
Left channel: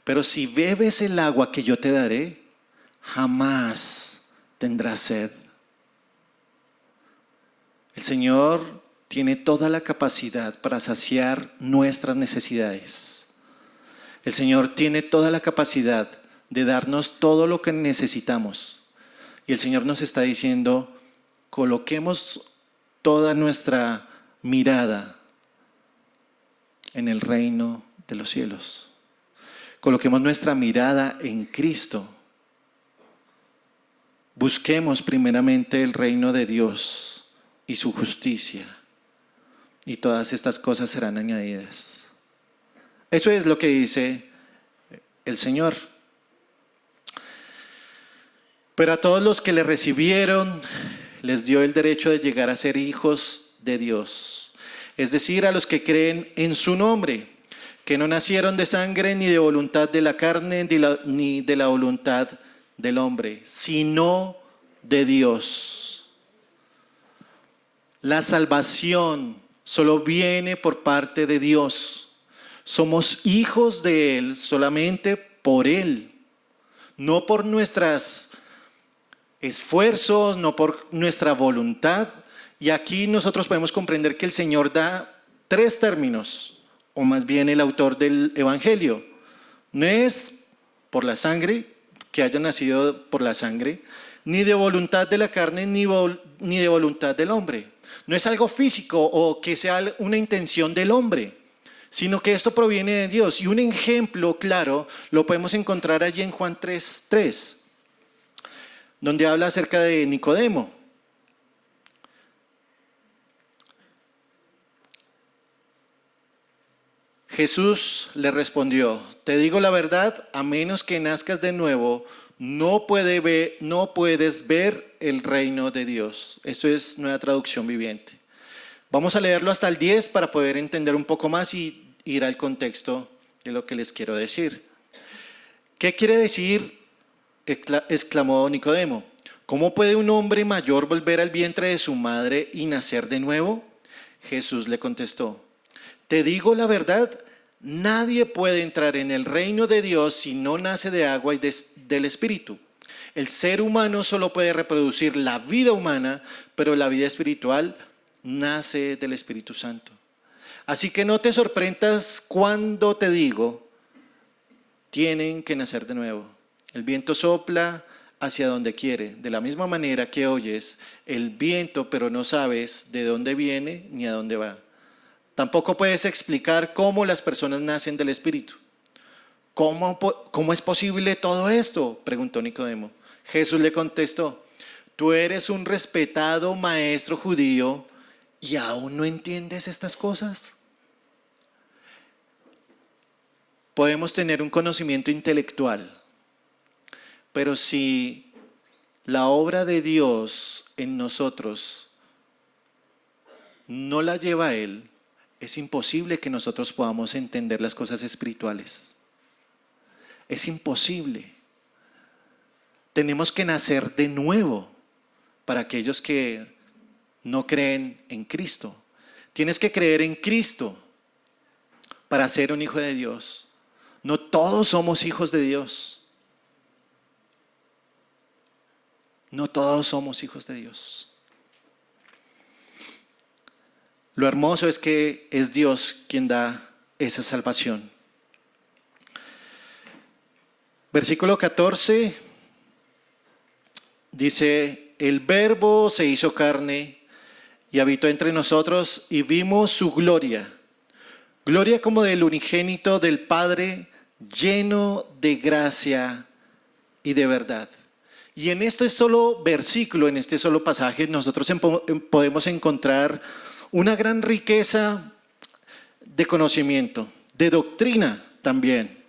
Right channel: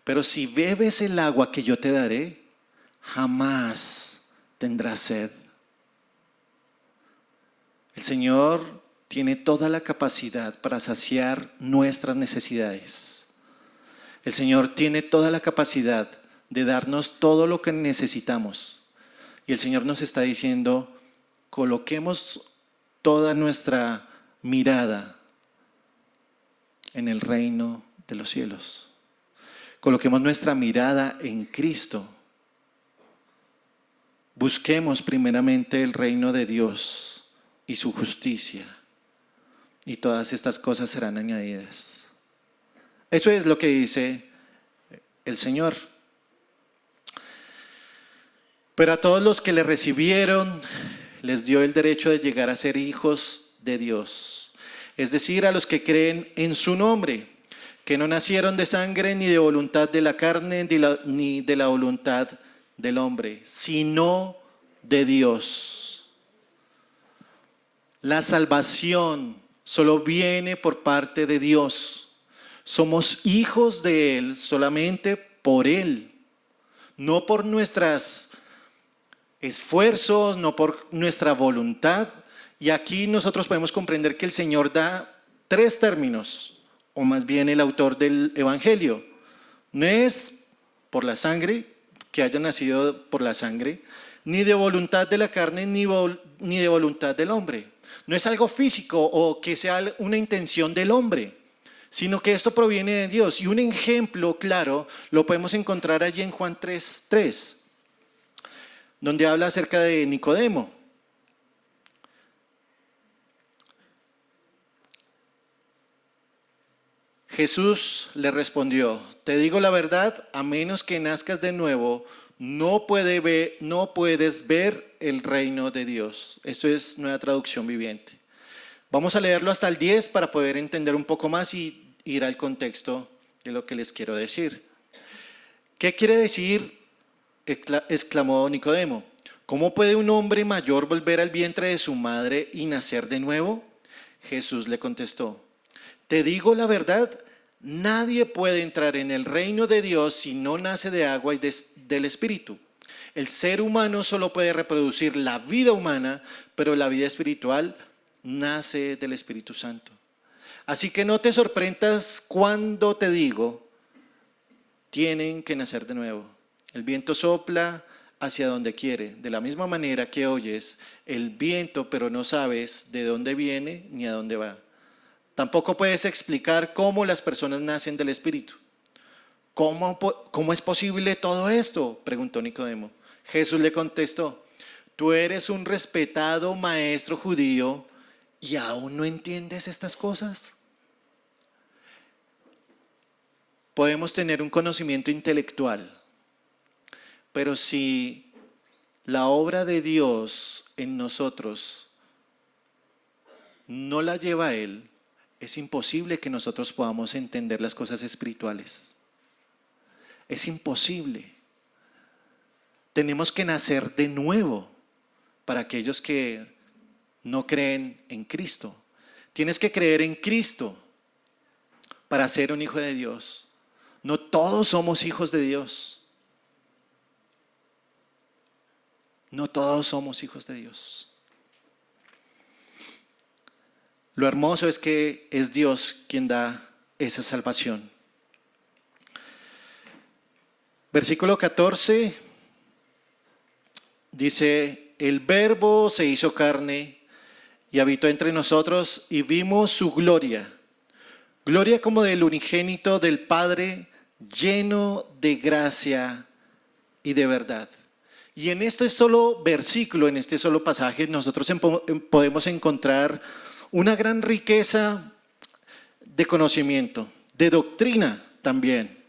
Pero si bebes el agua que yo te daré, jamás tendrás sed. El Señor tiene toda la capacidad para saciar nuestras necesidades. El Señor tiene toda la capacidad de darnos todo lo que necesitamos. Y el Señor nos está diciendo, coloquemos toda nuestra mirada en el reino de los cielos. Coloquemos nuestra mirada en Cristo. Busquemos primeramente el reino de Dios y su justicia, y todas estas cosas serán añadidas. Eso es lo que dice el Señor. Pero a todos los que le recibieron, les dio el derecho de llegar a ser hijos de Dios, es decir, a los que creen en su nombre, que no nacieron de sangre, ni de voluntad de la carne, ni de la voluntad del hombre, sino de Dios. La salvación solo viene por parte de Dios. Somos hijos de Él solamente por Él, no por nuestros esfuerzos, no por nuestra voluntad. Y aquí nosotros podemos comprender que el Señor da tres términos, o más bien el autor del Evangelio. No es por la sangre, que haya nacido por la sangre, ni de voluntad de la carne, ni de voluntad del hombre. No es algo físico o que sea una intención del hombre, sino que esto proviene de Dios. Y un ejemplo claro lo podemos encontrar allí en Juan 3:3, donde habla acerca de Nicodemo. Jesús le respondió, te digo la verdad, a menos que nazcas de nuevo, no puedes ver el reino de Dios. Esto es Nueva Traducción Viviente. Vamos a leerlo hasta el 10 para poder entender un poco más y ir al contexto de lo que les quiero decir. ¿Qué quiere decir? Exclamó Nicodemo. ¿Cómo puede un hombre mayor volver al vientre de su madre y nacer de nuevo? Jesús le contestó, te digo la verdad, nadie puede entrar en el reino de Dios si no nace de agua y del Espíritu. El ser humano solo puede reproducir la vida humana, pero la vida espiritual nace del Espíritu Santo. Así que no te sorprendas cuando te digo, tienen que nacer de nuevo. El viento sopla hacia donde quiere, de la misma manera que oyes el viento, pero no sabes de dónde viene ni a dónde va. Tampoco puedes explicar cómo las personas nacen del Espíritu. ¿Cómo es posible todo esto?, preguntó Nicodemo. Jesús le contestó, tú eres un respetado maestro judío y aún no entiendes estas cosas. Podemos tener un conocimiento intelectual, pero si la obra de Dios en nosotros no la lleva a Él, es imposible que nosotros podamos entender las cosas espirituales. Es imposible. Tenemos que nacer de nuevo para aquellos que no creen en Cristo. Tienes que creer en Cristo para ser un hijo de Dios. No todos somos hijos de Dios. No todos somos hijos de Dios. Lo hermoso es que es Dios quien da esa salvación. Versículo 14 dice: el Verbo se hizo carne y habitó entre nosotros y vimos su gloria. Gloria como del unigénito del Padre, lleno de gracia y de verdad. Y en este solo versículo, en este solo pasaje, nosotros podemos encontrar una gran riqueza de conocimiento, de doctrina también.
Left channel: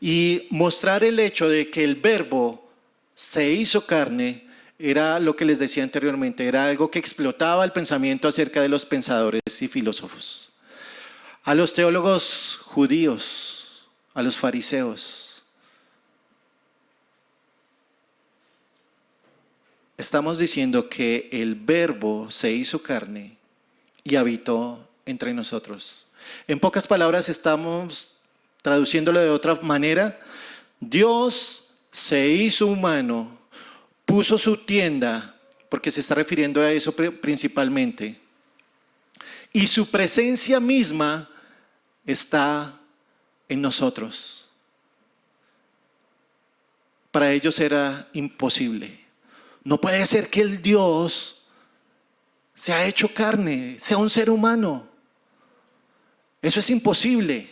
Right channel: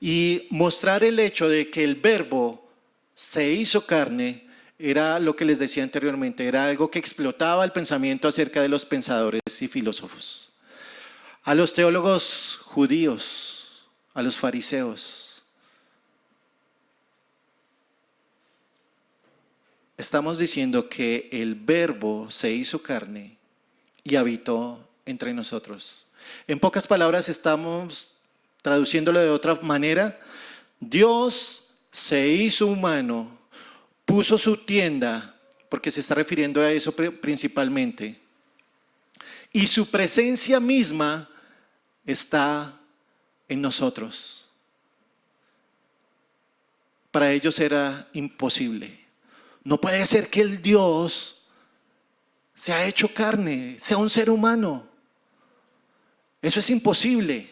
Y mostrar el hecho de que el Verbo se hizo carne era lo que les decía anteriormente, era algo que explotaba el pensamiento acerca de los pensadores y filósofos. A los teólogos judíos, a los fariseos, estamos diciendo que el Verbo se hizo carne y habitó entre nosotros. En pocas palabras, estamos traduciéndolo de otra manera: Dios se hizo humano, puso su tienda, porque se está refiriendo a eso principalmente, y su presencia misma está en nosotros. Para ellos era imposible. No puede ser que el Dios se ha hecho carne, sea un ser humano. Eso es imposible.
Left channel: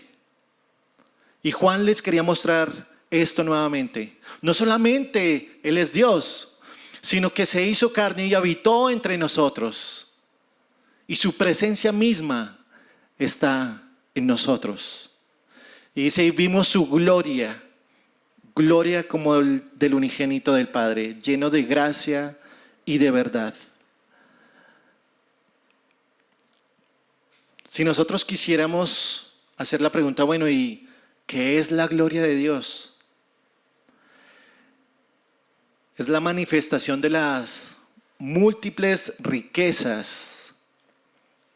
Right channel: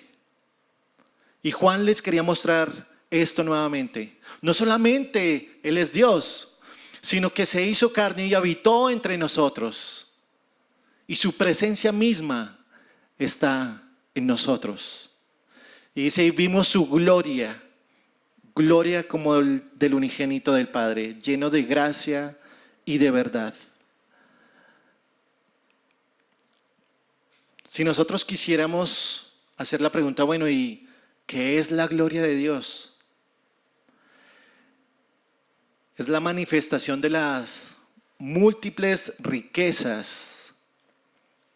Y Juan les quería mostrar esto nuevamente. No solamente Él es Dios, sino que se hizo carne y habitó entre nosotros. Y su presencia misma está en nosotros. Y dice: y vimos su gloria, gloria como del unigénito del Padre, lleno de gracia y de verdad. Si nosotros quisiéramos hacer la pregunta, bueno, ¿y qué es la gloria de Dios? Es la manifestación de las múltiples riquezas,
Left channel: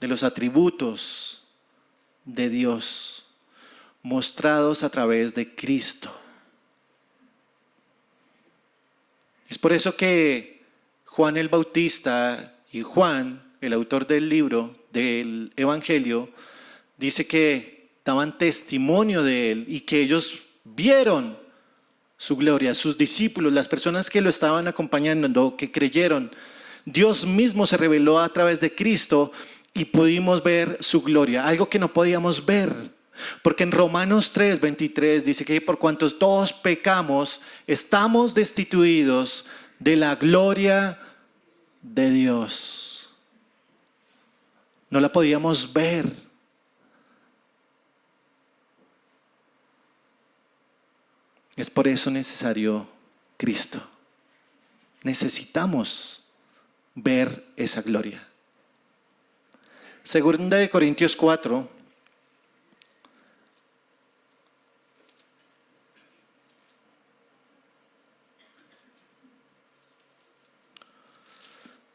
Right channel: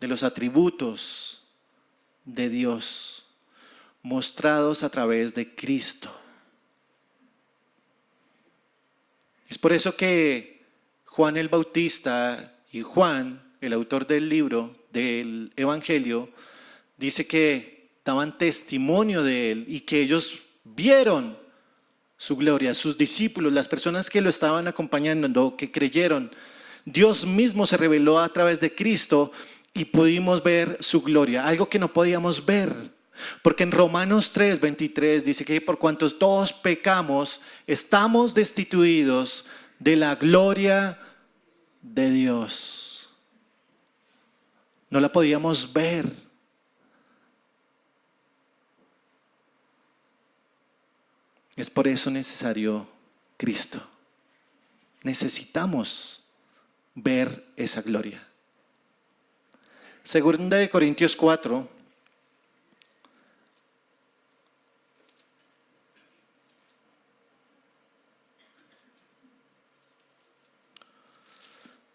de los atributos de Dios, mostrados a través de Cristo. Es por eso que Juan el Bautista y Juan, el autor del libro, del Evangelio, dice que daban testimonio de Él y que ellos vieron su gloria, sus discípulos, las personas que lo estaban acompañando, que creyeron. Dios mismo se reveló a través de Cristo y pudimos ver su gloria, algo que no podíamos ver. Porque en Romanos 3:23 dice que por cuantos todos pecamos, estamos destituidos de la gloria de Dios. No la podíamos ver. Es por eso necesario Cristo. Necesitamos ver esa gloria. Segunda de Corintios 4.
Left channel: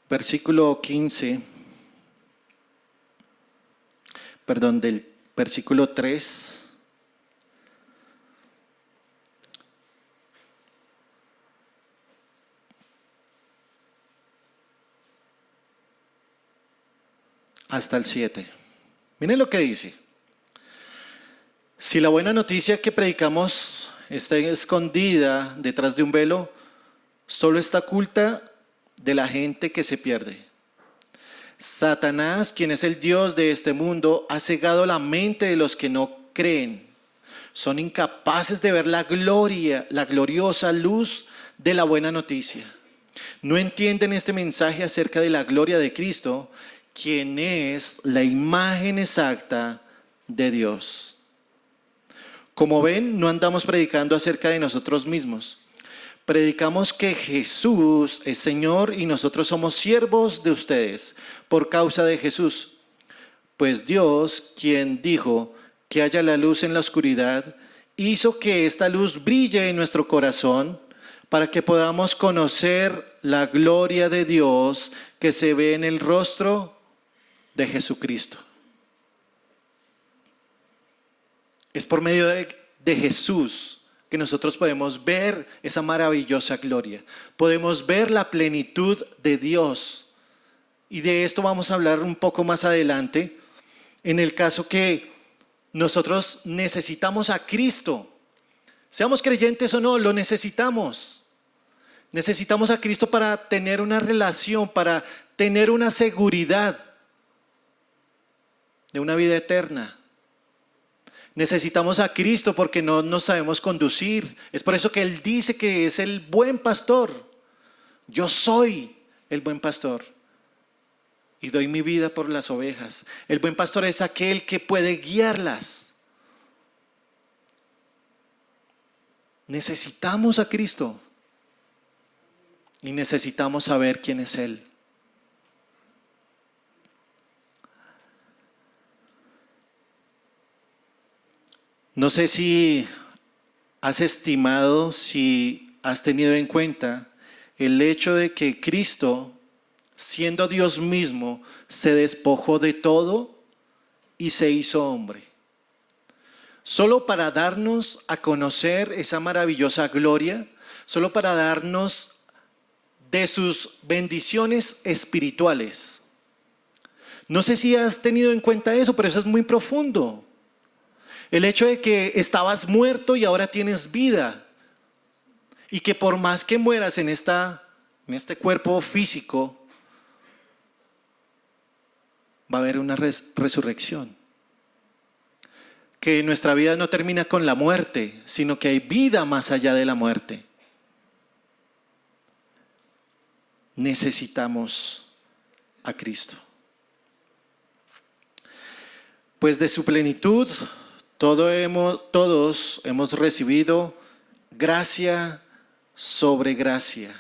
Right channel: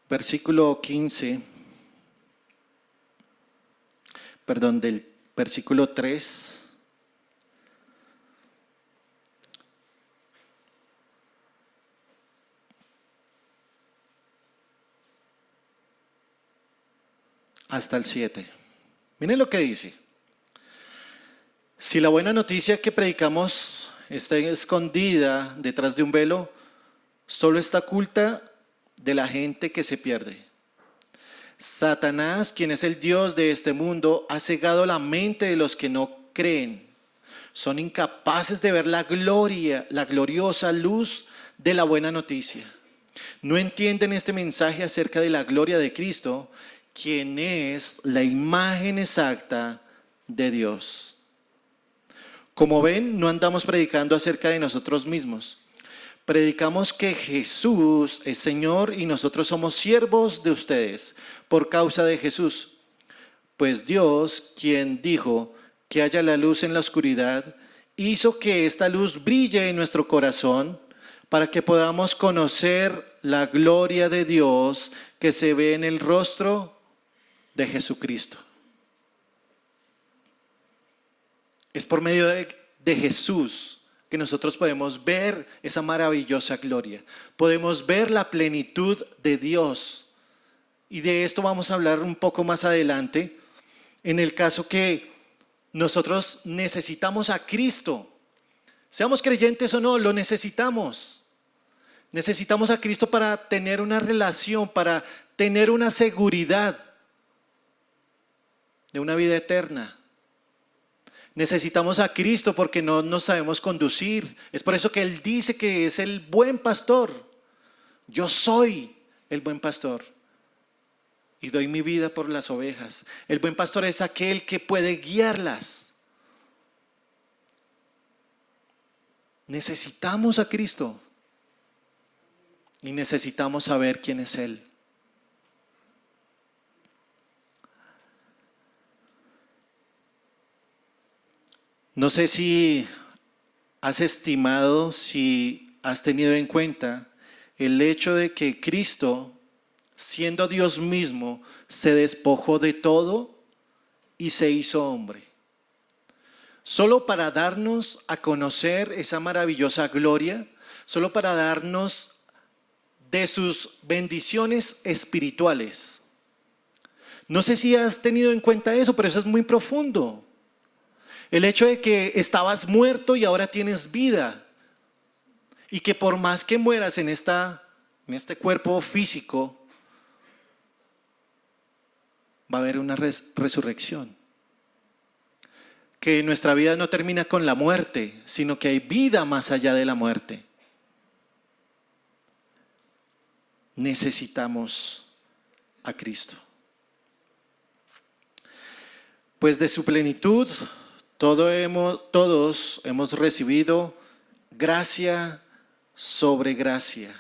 Versículo 15, del versículo 3 hasta el 7. Miren lo que dice: si la buena noticia que predicamos está escondida detrás de un velo, solo está oculta de la gente que se pierde. Satanás, quien es el Dios de este mundo, ha cegado la mente de los que no creen. Son incapaces de ver la gloria, la gloriosa luz de la buena noticia. No entienden este mensaje acerca de la gloria de Cristo, quien es la imagen exacta de Dios. Como ven, no andamos predicando acerca de nosotros mismos. Predicamos que Jesús es Señor y nosotros somos siervos de ustedes por causa de Jesús. Pues Dios, quien dijo que haya la luz en la oscuridad, hizo que esta luz brille en nuestro corazón para que podamos conocer la gloria de Dios que se ve en el rostro de Jesucristo. Es por medio de Jesús que nosotros podemos ver esa maravillosa gloria. Podemos ver la plenitud de Dios. Y de esto vamos a hablar un poco más adelante, en el caso que nosotros necesitamos a Cristo. Seamos creyentes o no, lo necesitamos. Necesitamos a Cristo para tener una relación, para tener una seguridad de una vida eterna. Necesitamos a Cristo porque no nos sabemos conducir. Es por eso que Él dice que es el buen pastor. Yo soy el buen pastor y doy mi vida por las ovejas. El buen pastor es aquel que puede guiarlas. Necesitamos a Cristo y necesitamos saber quién es Él. No sé si has estimado, si has tenido en cuenta el hecho de que Cristo, siendo Dios mismo, se despojó de todo y se hizo hombre. Solo para darnos a conocer esa maravillosa gloria, solo para darnos de sus bendiciones espirituales. No sé si has tenido en cuenta eso, pero eso es muy profundo. El hecho de que estabas muerto y ahora tienes vida. Y que por más que mueras en este cuerpo físico, va a haber una resurrección. Que nuestra vida no termina con la muerte, sino que hay vida más allá de la muerte. Necesitamos a Cristo. Pues de su plenitud todos hemos recibido gracia sobre gracia.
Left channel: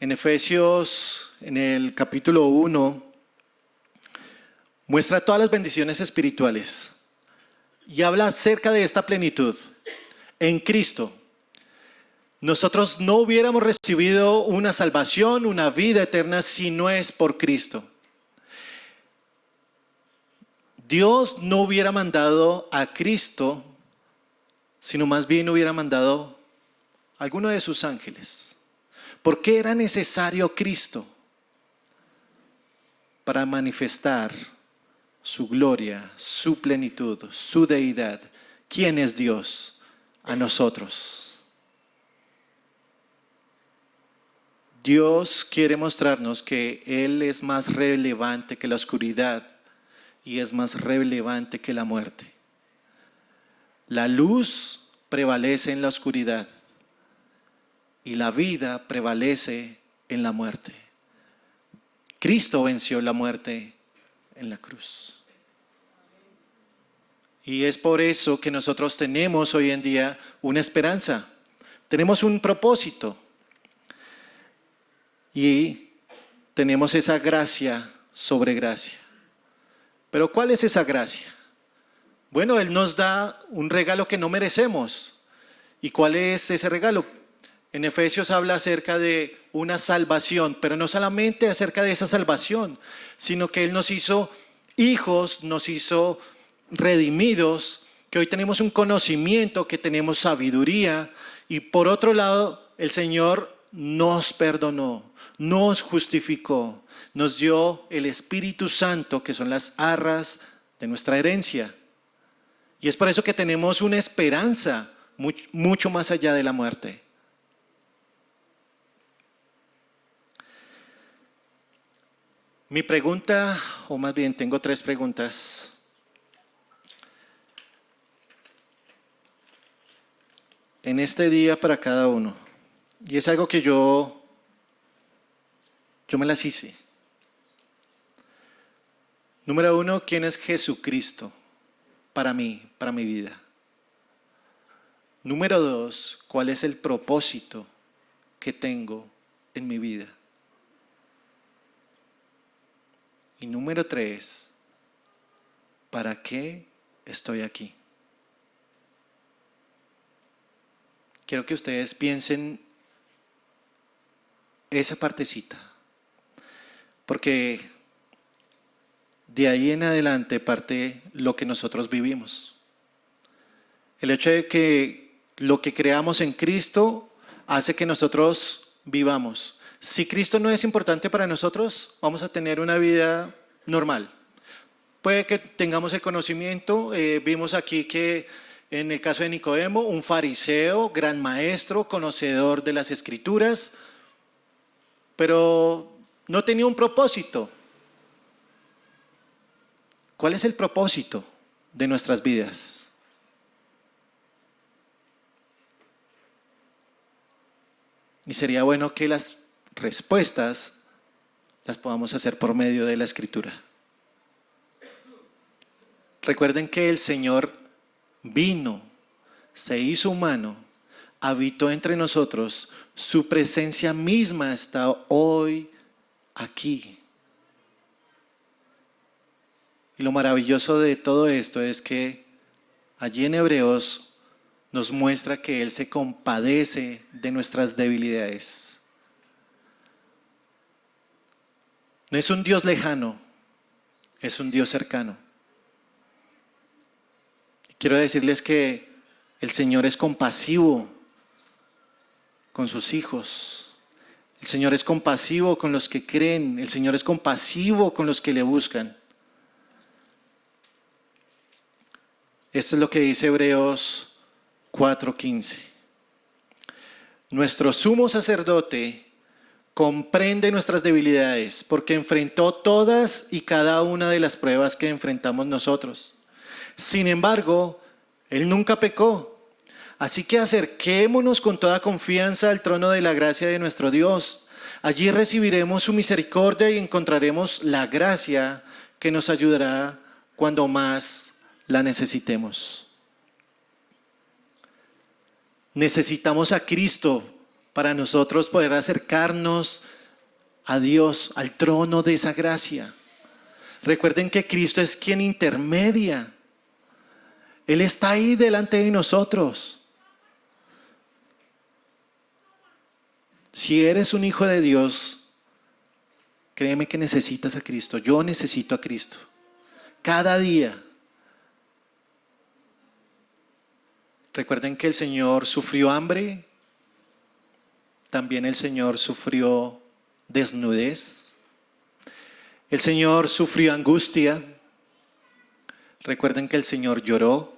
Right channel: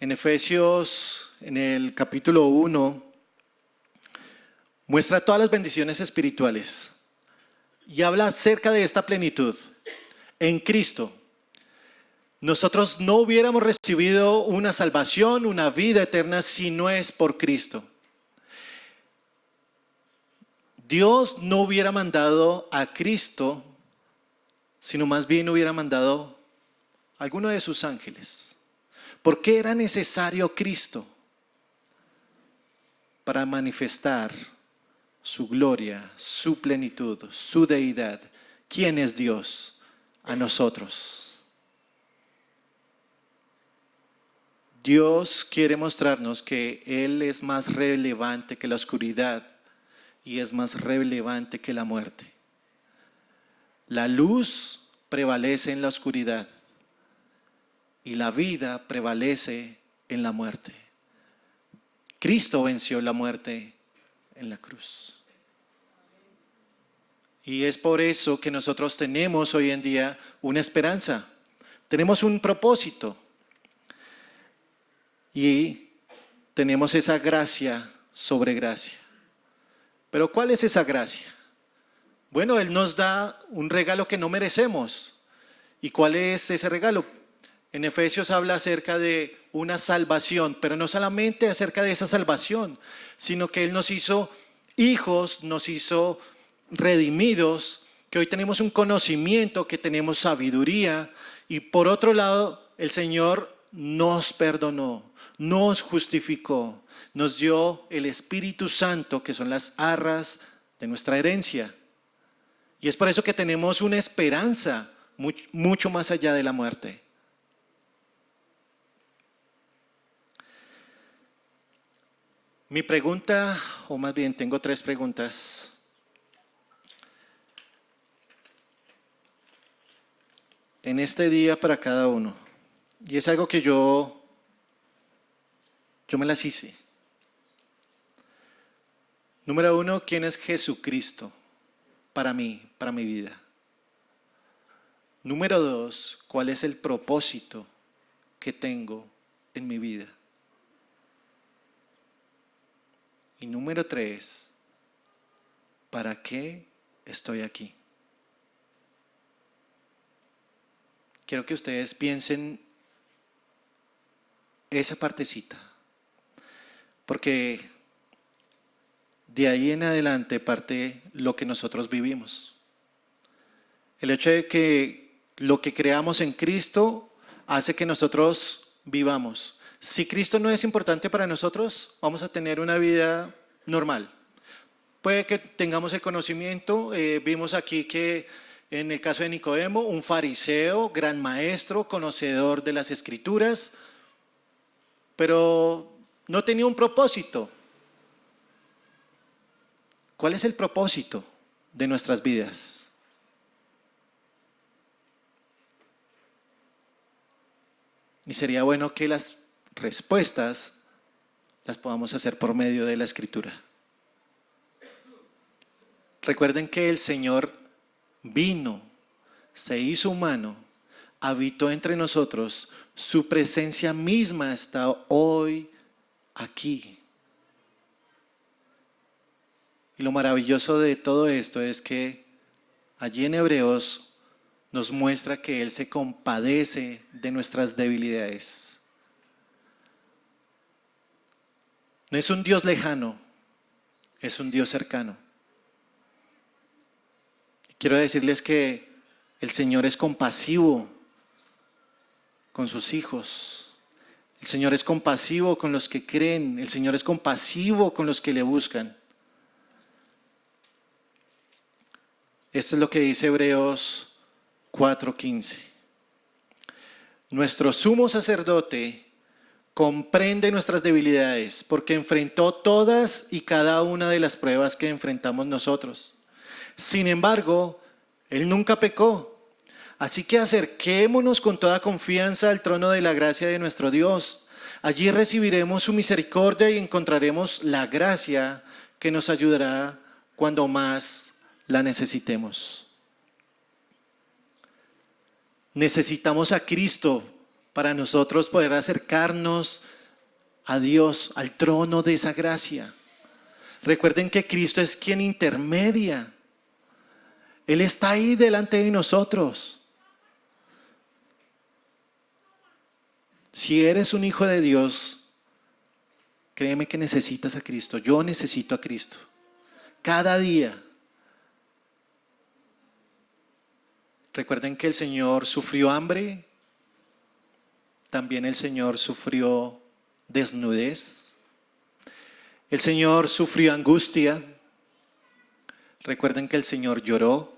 En Efesios, en el capítulo 1, muestra todas las bendiciones espirituales y habla acerca de esta plenitud. En Cristo, nosotros no hubiéramos recibido una salvación, una vida eterna, si no es por Cristo. Dios no hubiera mandado a Cristo, sino más bien hubiera mandado a alguno de sus ángeles. ¿Por qué era necesario Cristo? Para manifestar su gloria, su plenitud, su deidad. ¿Quién es Dios? A nosotros. Dios quiere mostrarnos que Él es más relevante que la oscuridad y es más relevante que la muerte. La luz prevalece en la oscuridad y la vida prevalece en la muerte. Cristo venció la muerte en la cruz. Y es por eso que nosotros tenemos hoy en día una esperanza. Tenemos un propósito. Y tenemos esa gracia sobre gracia. Pero ¿cuál es esa gracia? Bueno, Él nos da un regalo que no merecemos. ¿Y cuál es ese regalo? En Efesios habla acerca de una salvación, pero no solamente acerca de esa salvación, sino que Él nos hizo hijos, nos hizo redimidos, que hoy tenemos un conocimiento, que tenemos sabiduría, y por otro lado, el Señor nos perdonó, nos justificó, nos dio el Espíritu Santo, que son las arras de nuestra herencia. Y es por eso que tenemos una esperanza mucho más allá de la muerte. Mi pregunta, o más bien tengo 3 preguntas. En este día para cada uno. Y es algo que yo me las hice. Número 1, ¿quién es Jesucristo para mí, para mi vida? Número 2, ¿cuál es el propósito que tengo en mi vida? Y número 3, ¿para qué estoy aquí? Quiero que ustedes piensen esa partecita, porque de ahí en adelante parte lo que nosotros vivimos. El hecho de que lo que creamos en Cristo hace que nosotros vivamos. Si Cristo no es importante para nosotros, vamos a tener una vida normal. Puede que tengamos el conocimiento, vimos aquí que en el caso de Nicodemo, un fariseo, gran maestro, conocedor de las Escrituras, pero no tenía un propósito. ¿Cuál es el propósito de nuestras vidas? Y sería bueno que las respuestas las podamos hacer por medio de la Escritura. Recuerden que el Señor vino, se hizo humano, habitó entre nosotros, su presencia misma está hoy aquí. Y lo maravilloso de todo esto es que allí en Hebreos nos muestra que Él se compadece de nuestras debilidades. No es un Dios lejano, es un Dios cercano. Quiero decirles que el Señor es compasivo con sus hijos. El Señor es compasivo con los que creen. El Señor es compasivo con los que le buscan. Esto es lo que dice Hebreos 4:15. Nuestro sumo sacerdote comprende nuestras debilidades porque enfrentó todas y cada una de las pruebas que enfrentamos nosotros. Sin embargo, Él nunca pecó. Así que acerquémonos con toda confianza al trono de la gracia de nuestro Dios. Allí recibiremos su misericordia y encontraremos la gracia que nos ayudará cuando más la necesitemos. Necesitamos a Cristo para nosotros poder acercarnos a Dios, al trono de esa gracia. Recuerden que Cristo es quien intermedia. Él está ahí delante de nosotros. Si eres un hijo de Dios, créeme que necesitas a Cristo. Yo necesito a Cristo. Cada día. Recuerden que el Señor sufrió hambre. También el Señor sufrió desnudez. El Señor sufrió angustia. Recuerden que el Señor lloró.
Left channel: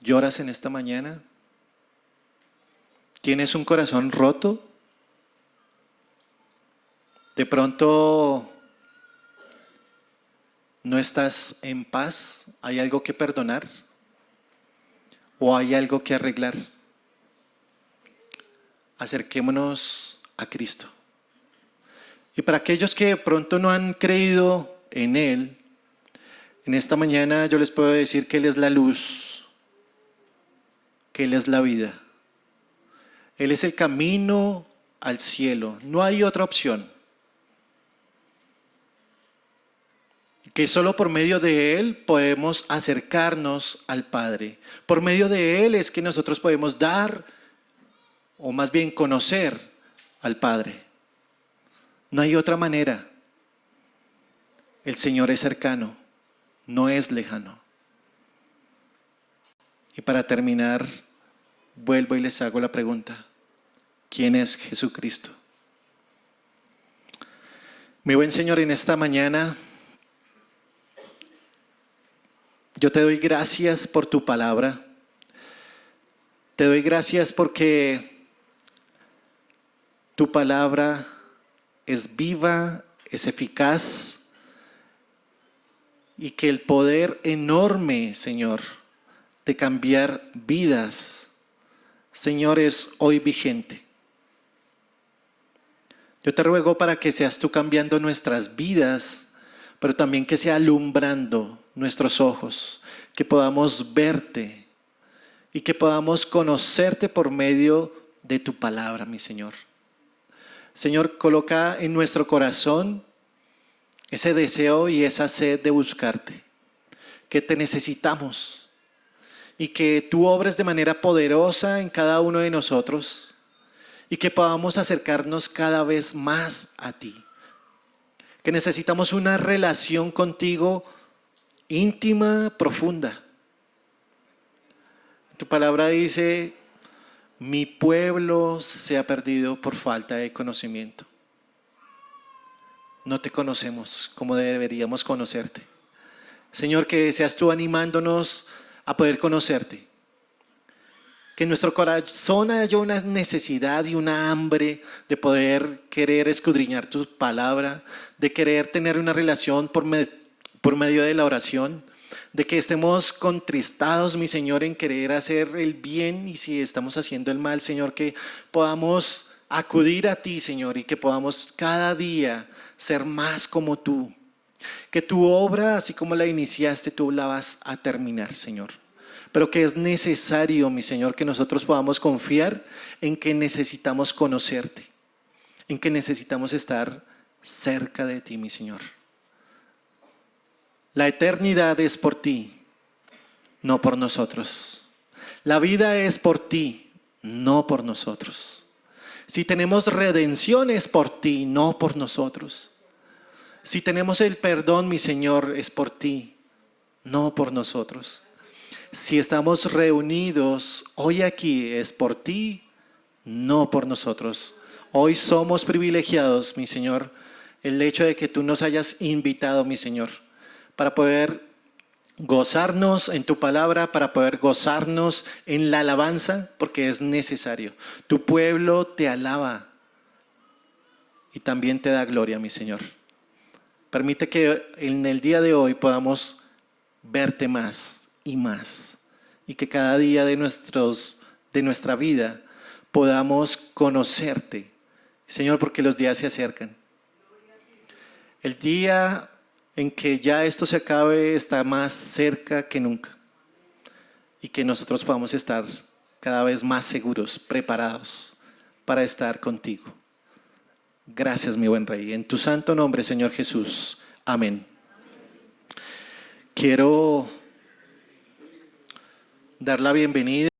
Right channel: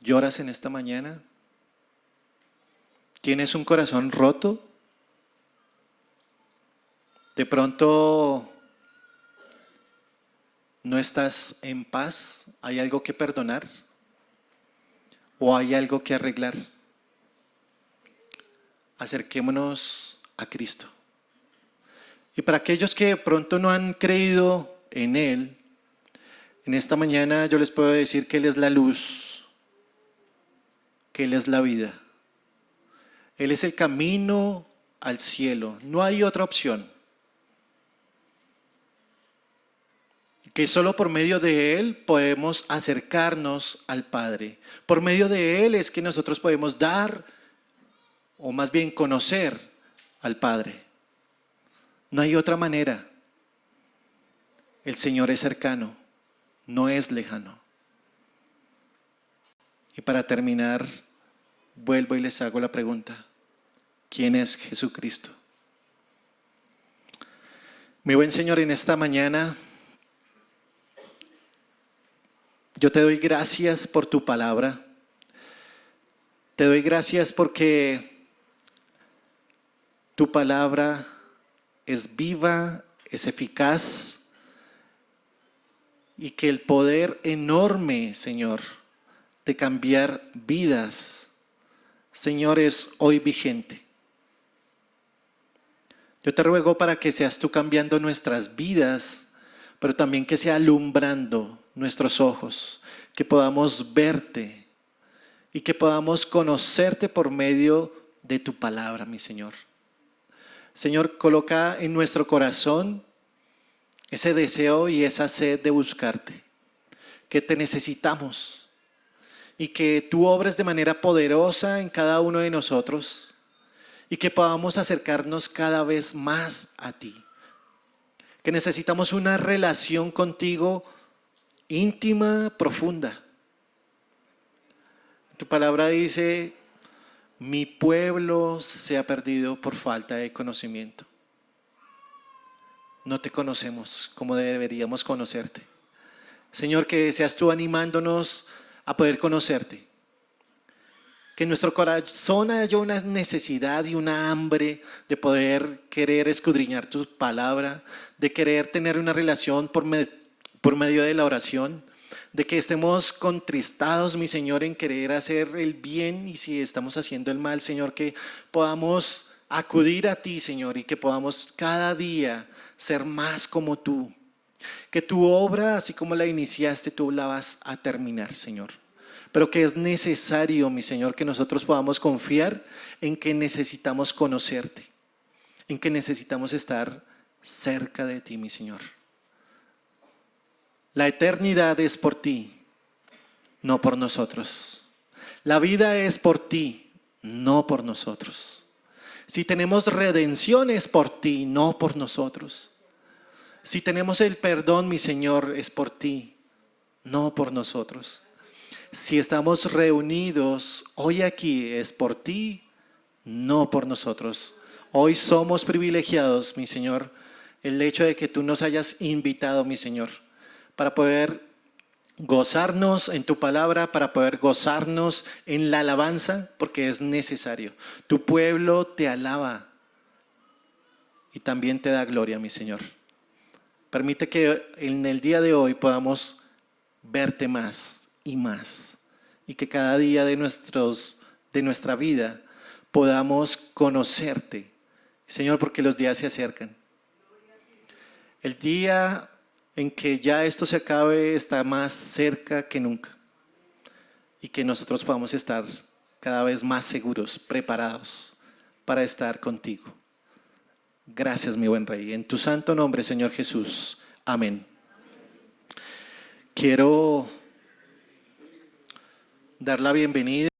¿Lloras en esta mañana? ¿Tienes un corazón roto? ¿De pronto no estás en paz? ¿Hay algo que perdonar? ¿O hay algo que arreglar? Acerquémonos a Cristo. Y para aquellos que de pronto no han creído en Él, en esta mañana yo les puedo decir que Él es la luz, que Él es la vida. Él es el camino al cielo. No hay otra opción. Que solo por medio de Él podemos acercarnos al Padre. Por medio de Él es que nosotros podemos dar, o más bien conocer al Padre. No hay otra manera. El Señor es cercano, no es lejano. Y para terminar, vuelvo y les hago la pregunta. ¿Quién es Jesucristo? Mi buen Señor, en esta mañana yo te doy gracias por tu palabra. Te doy gracias porque tu palabra es viva, es eficaz y que el poder enorme, Señor, de cambiar vidas, Señor, es hoy vigente. Yo te ruego para que seas tú cambiando nuestras vidas, pero también que sea alumbrando nuestros ojos, que podamos verte y que podamos conocerte por medio de tu palabra, mi Señor. Señor, coloca en nuestro corazón ese deseo y esa sed de buscarte, que te necesitamos y que tú obres de manera poderosa en cada uno de nosotros y que podamos acercarnos cada vez más a ti. Que necesitamos una relación contigo íntima, profunda. Tu palabra dice, mi pueblo se ha perdido por falta de conocimiento. No te conocemos como deberíamos conocerte. Señor, que seas tú animándonos a poder conocerte. Que en nuestro corazón haya una necesidad y una hambre de poder querer escudriñar tu palabra, de querer tener una relación por medio de la oración, de que estemos contristados, mi Señor, en querer hacer el bien, y si estamos haciendo el mal, Señor, que podamos acudir a ti, Señor, y que podamos cada día ser más como tú. Que tu obra, así como la iniciaste, tú la vas a terminar, Señor. Pero que es necesario, mi Señor, que nosotros podamos confiar en que necesitamos conocerte, en que necesitamos estar cerca de ti, mi Señor. La eternidad es por ti, no por nosotros. La vida es por ti, no por nosotros. Si tenemos redención es por ti, no por nosotros. Si tenemos el perdón, mi Señor, es por ti, no por nosotros. Si estamos reunidos hoy aquí es por ti, no por nosotros. Hoy somos privilegiados, mi Señor, el hecho de que tú nos hayas invitado, mi Señor, para poder gozarnos en tu palabra, para poder gozarnos en la alabanza, porque es necesario. Tu pueblo te alaba y también te da gloria, mi Señor. Permite que en el día de hoy podamos verte más y más, y que cada día de nuestra vida podamos conocerte, Señor, porque los días se acercan. El día en que ya esto se acabe está más cerca que nunca, y que nosotros podamos estar cada vez más seguros, preparados para estar contigo. Gracias, mi buen Rey. En tu santo nombre, Señor Jesús. Amén. Quiero dar la bienvenida